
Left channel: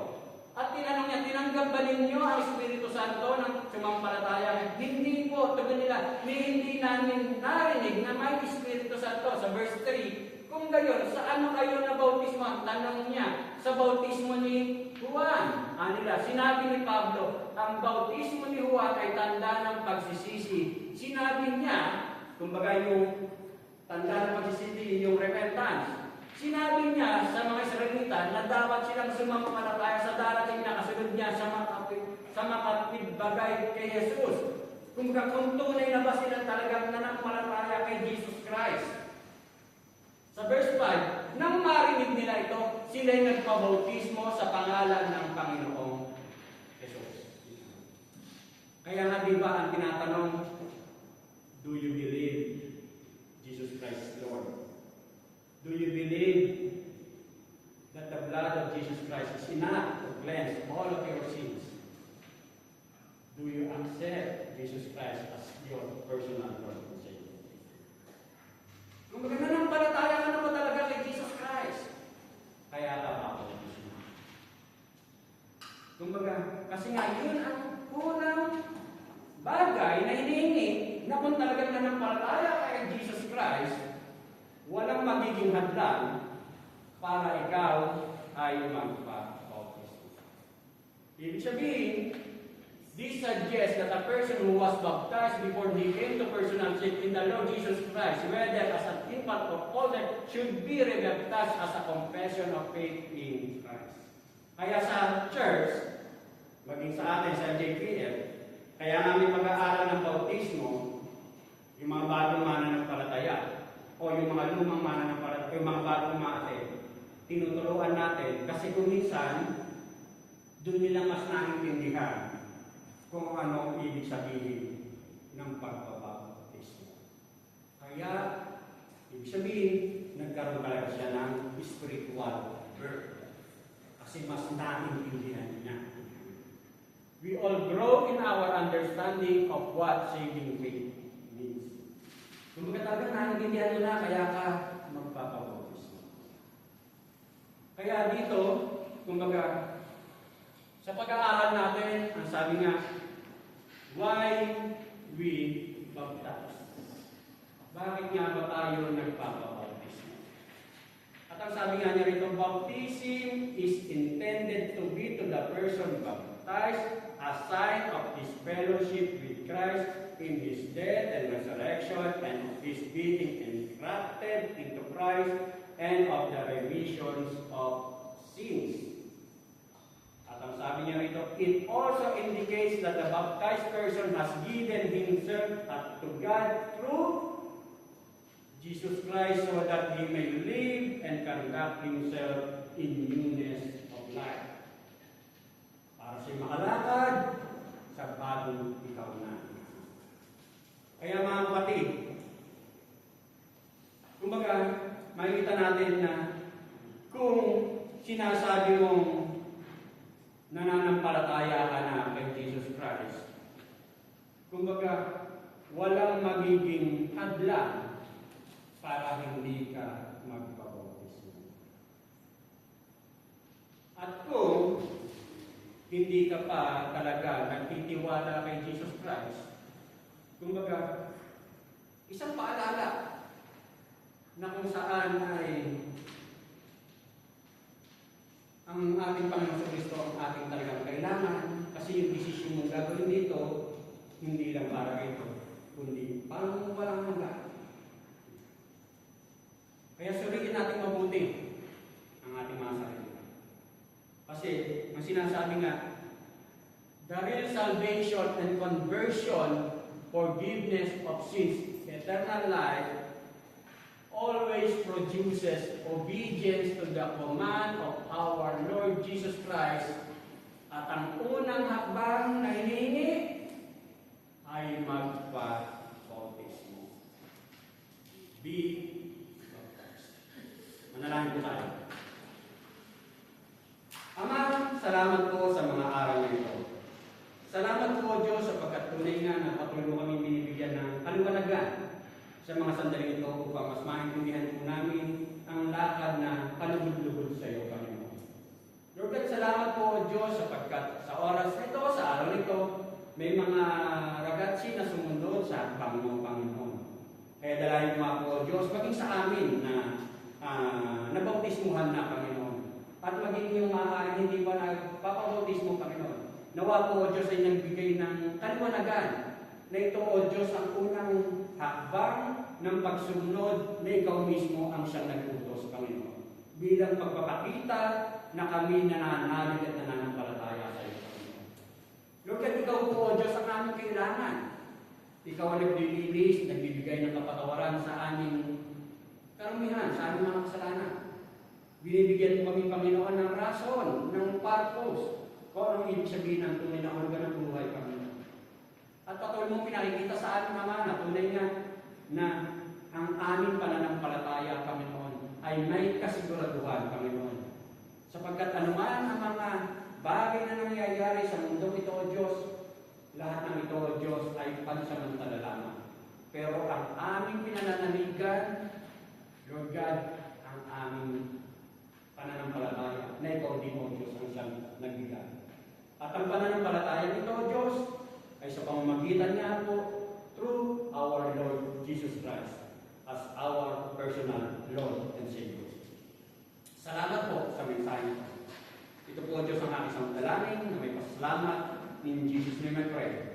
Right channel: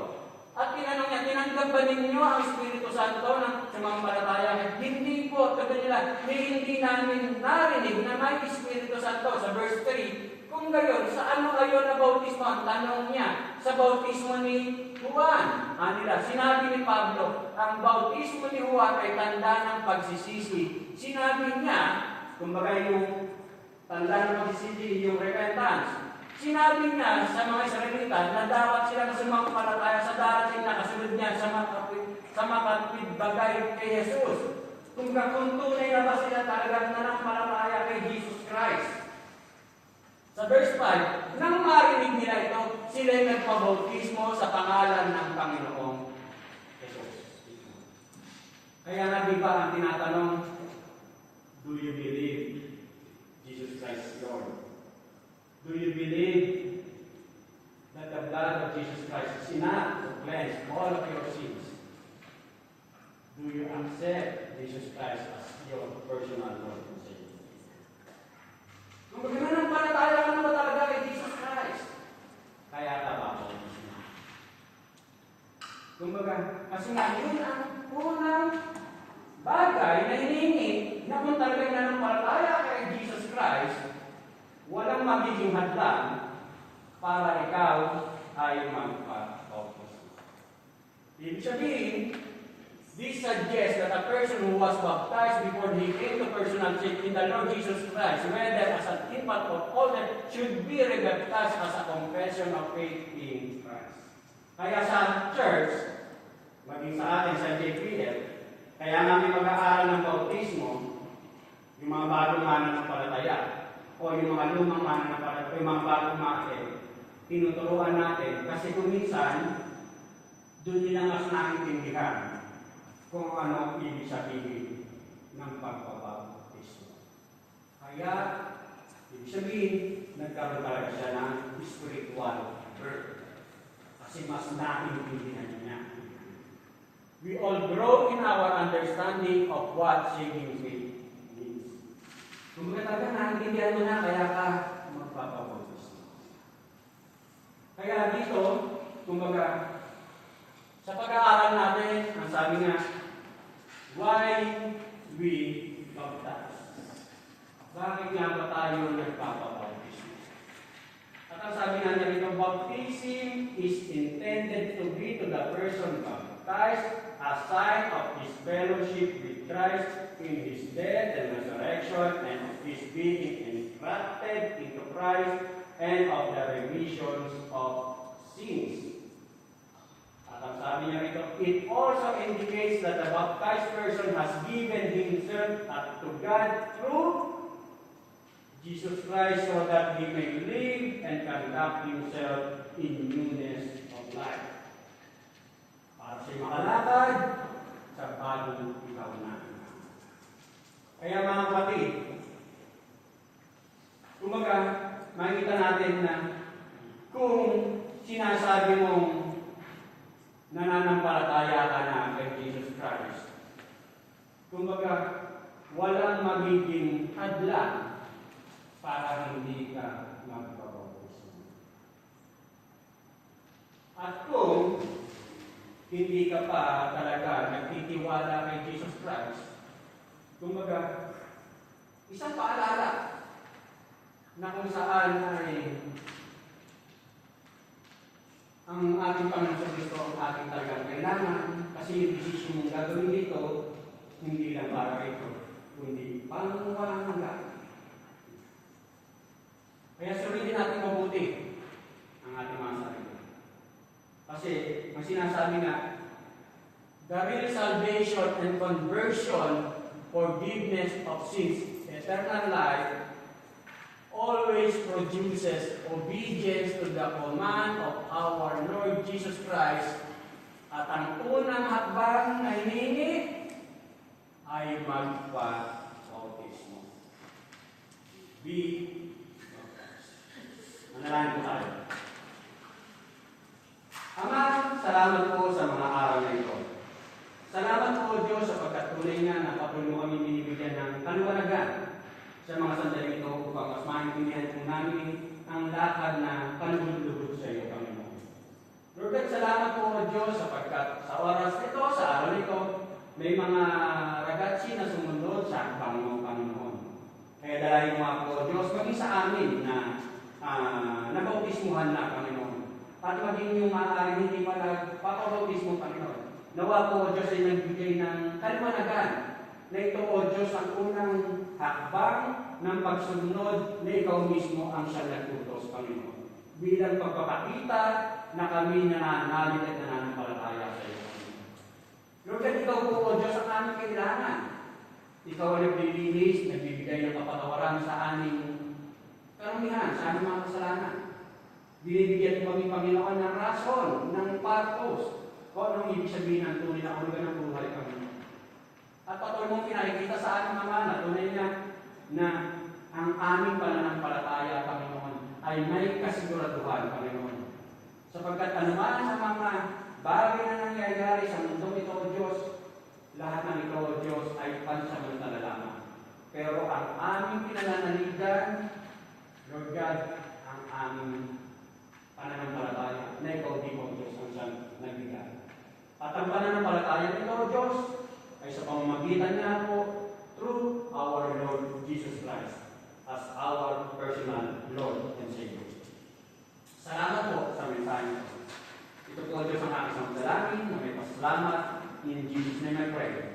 At tinanong niya, tinanggap ba ninyo ang Espiritu Santo ng sumampalataya? Hindi po, sabi nila, hindi namin narinig na may Espiritu Santo. Sa verse 3, kung gayon, sa ano kayo na bautismo? Ang tanong niya, sa bautismo ni Juan. Nila, sinabi ni Pablo, ang bautismo ni Juan ay tanda ng pagsisisi. Sinabi niya, kumbaga yung tanda ng pagsisisi, yung repentance. Sinabi niya sa mga Israelita na dapat silang sumampalataya sa darating na kasunod niya sa makapagbagay kay Jesus. Kung tunay na ba sila talagang nanampalataya kay Jesus Christ. Sa verse 5, nang marinig nila ito, sila'y nagpabautismo sa pangalan ng Panginoong Jesus. Kaya nga di ba ang tinatanong, do you believe Jesus Christ is Lord? Do you believe that the blood of Jesus Christ is enough to cleanse all of your sins? Do you accept Jesus Christ as your personal Lord and Savior? Kung mananampalataya mo talaga kay Jesus Christ, kaya tama ako. Kumbaga, kasi nga yun ang unang bagay na hinihingi na kung talagang nanampalataya kay Jesus Christ, walang magiging hadlang para ikaw ay magpa-bautismo. Ibig sabihin, this suggests that a person who was baptized before he came to personal faith in the Lord Jesus Christ, whether as an infant or older, should be rebaptized as a confession of faith in Christ. Kaya sa church, maging sa atin sa JPL, kaya nga may mag-aaral ng bautismo, yung mga bagong mananampalataya, o yung mga lumang mananampalataya, yung mga bagong mate, tinuturuan natin, kasi kung minsan, doon nila mas naintindihan kung ano ang ibig sabihin ng pagbabautismo. Kaya Kaya, ibig sabihin, nagkaroon talaga siya ng spiritual birth. Kasi mas naiintindihan niya. We all grow in our understanding of what saving faith means. Kung talaga naiintindihan mo na, kaya ka magpapabautis. Kaya dito, kumbaga, sa pag-aaral natin, ang sabi nga, why we baptize? Bakit nga ba tayo nagpapabautismo? At ang sabi nga narito, baptism is intended to be to the person baptized a sign of his fellowship with Christ in his death and resurrection and of his being engrafted into Christ and of the remissions of sins. At ang sabi niya rito, it also indicates that the baptized person has given himself to God through Jesus Christ so that he may live and conduct himself in newness of life. Para siya makalakad sa bagong ikaw na. Kaya mga kapatid, kumbaga, makikita natin na kung sinasabi mong nananampalataya ka na kay Jesus Christ, kumbaga, walang magiging hadlang para hindi ka magpabautismo. At kung hindi ka pa talaga nagtitiwala kay Jesus Christ, kumbaga, isang paalala na kung saan ay ang ating Panginoon Kristo ang ating talagang kailangan kasi yung desisyon mong gagawin dito, hindi lang para ito, kundi pang walang hanggan. Kaya suritin natin mabuti ang ating mga sarili. Kasi, ang sinasabi nga, the real salvation and conversion, forgiveness of sins, eternal life, always produces obedience to the command of our Lord Jesus Christ. At ang unang hakbang na hiningi ay magpa-bautismo. Be manalangin po tayo. Ama, salamat po sa mga araw na ito. Salamat po, Diyos, sapagkat tunay nga na patuloy mo kami binibigyan ng kaluwalagan sa mga sandali ito upang mas maintindihan po namin ang lakad na kanulubog sa iyo, Panginoon. Lord God, salamat po, Diyos, sapagkat sa oras ito, sa araw nito, may mga ragazzi na sumunod sa Panginoon, Panginoon. Kaya dalayan mo ako, Diyos, maging sa amin na nabautismuhan na, Panginoon. At maging yung mga hindi pa nagpapabautismo, Panginoon. Nawa po, Diyos, ay nagbigay ng kaliwanagan na ito, O Diyos, ang unang hakbang ng pagsunod na ikaw mismo ang siyang nagtutos, Panginoon. Bilang pagpapakita na kami nananalig at nananampalataya sa iyo, Panginoon. Lord, at ikaw po, O Diyos, ang aming kailangan. Ikaw ang naglilinis, nagbibigay ng kapatawaran sa aming karamihan, sa aming mga kasalanan. Binibigyan mo kami, Panginoon, ng rason, ng purpose, kung anong ibig sabihin ng tunay na hulugan ng buhay, Panginoon. At patuloy mong pinakikita sa aming mga na tunay na ang aming pananampalataya, Panginoon, ay may kasiguraduhan, Panginoon. Sapagkat anuman sa mga bagay na nangyayari sa mundong ito, O Diyos, lahat ng ito, O Diyos, ay pansamantala lamang. Pero ang aming pinananaligan, Lord God, ang aming pananampalataya na ikaw din, O Diyos, ang siyang nagbigay. At ang pananampalataya nito, O Diyos, ay sa pamamagitan niya po through our Lord Jesus Christ as our personal Lord and Savior. Salamat po sa mensahe. Ito po, Diyos, ang aking dalangin na may pasalamat. In Jesus' name I pray.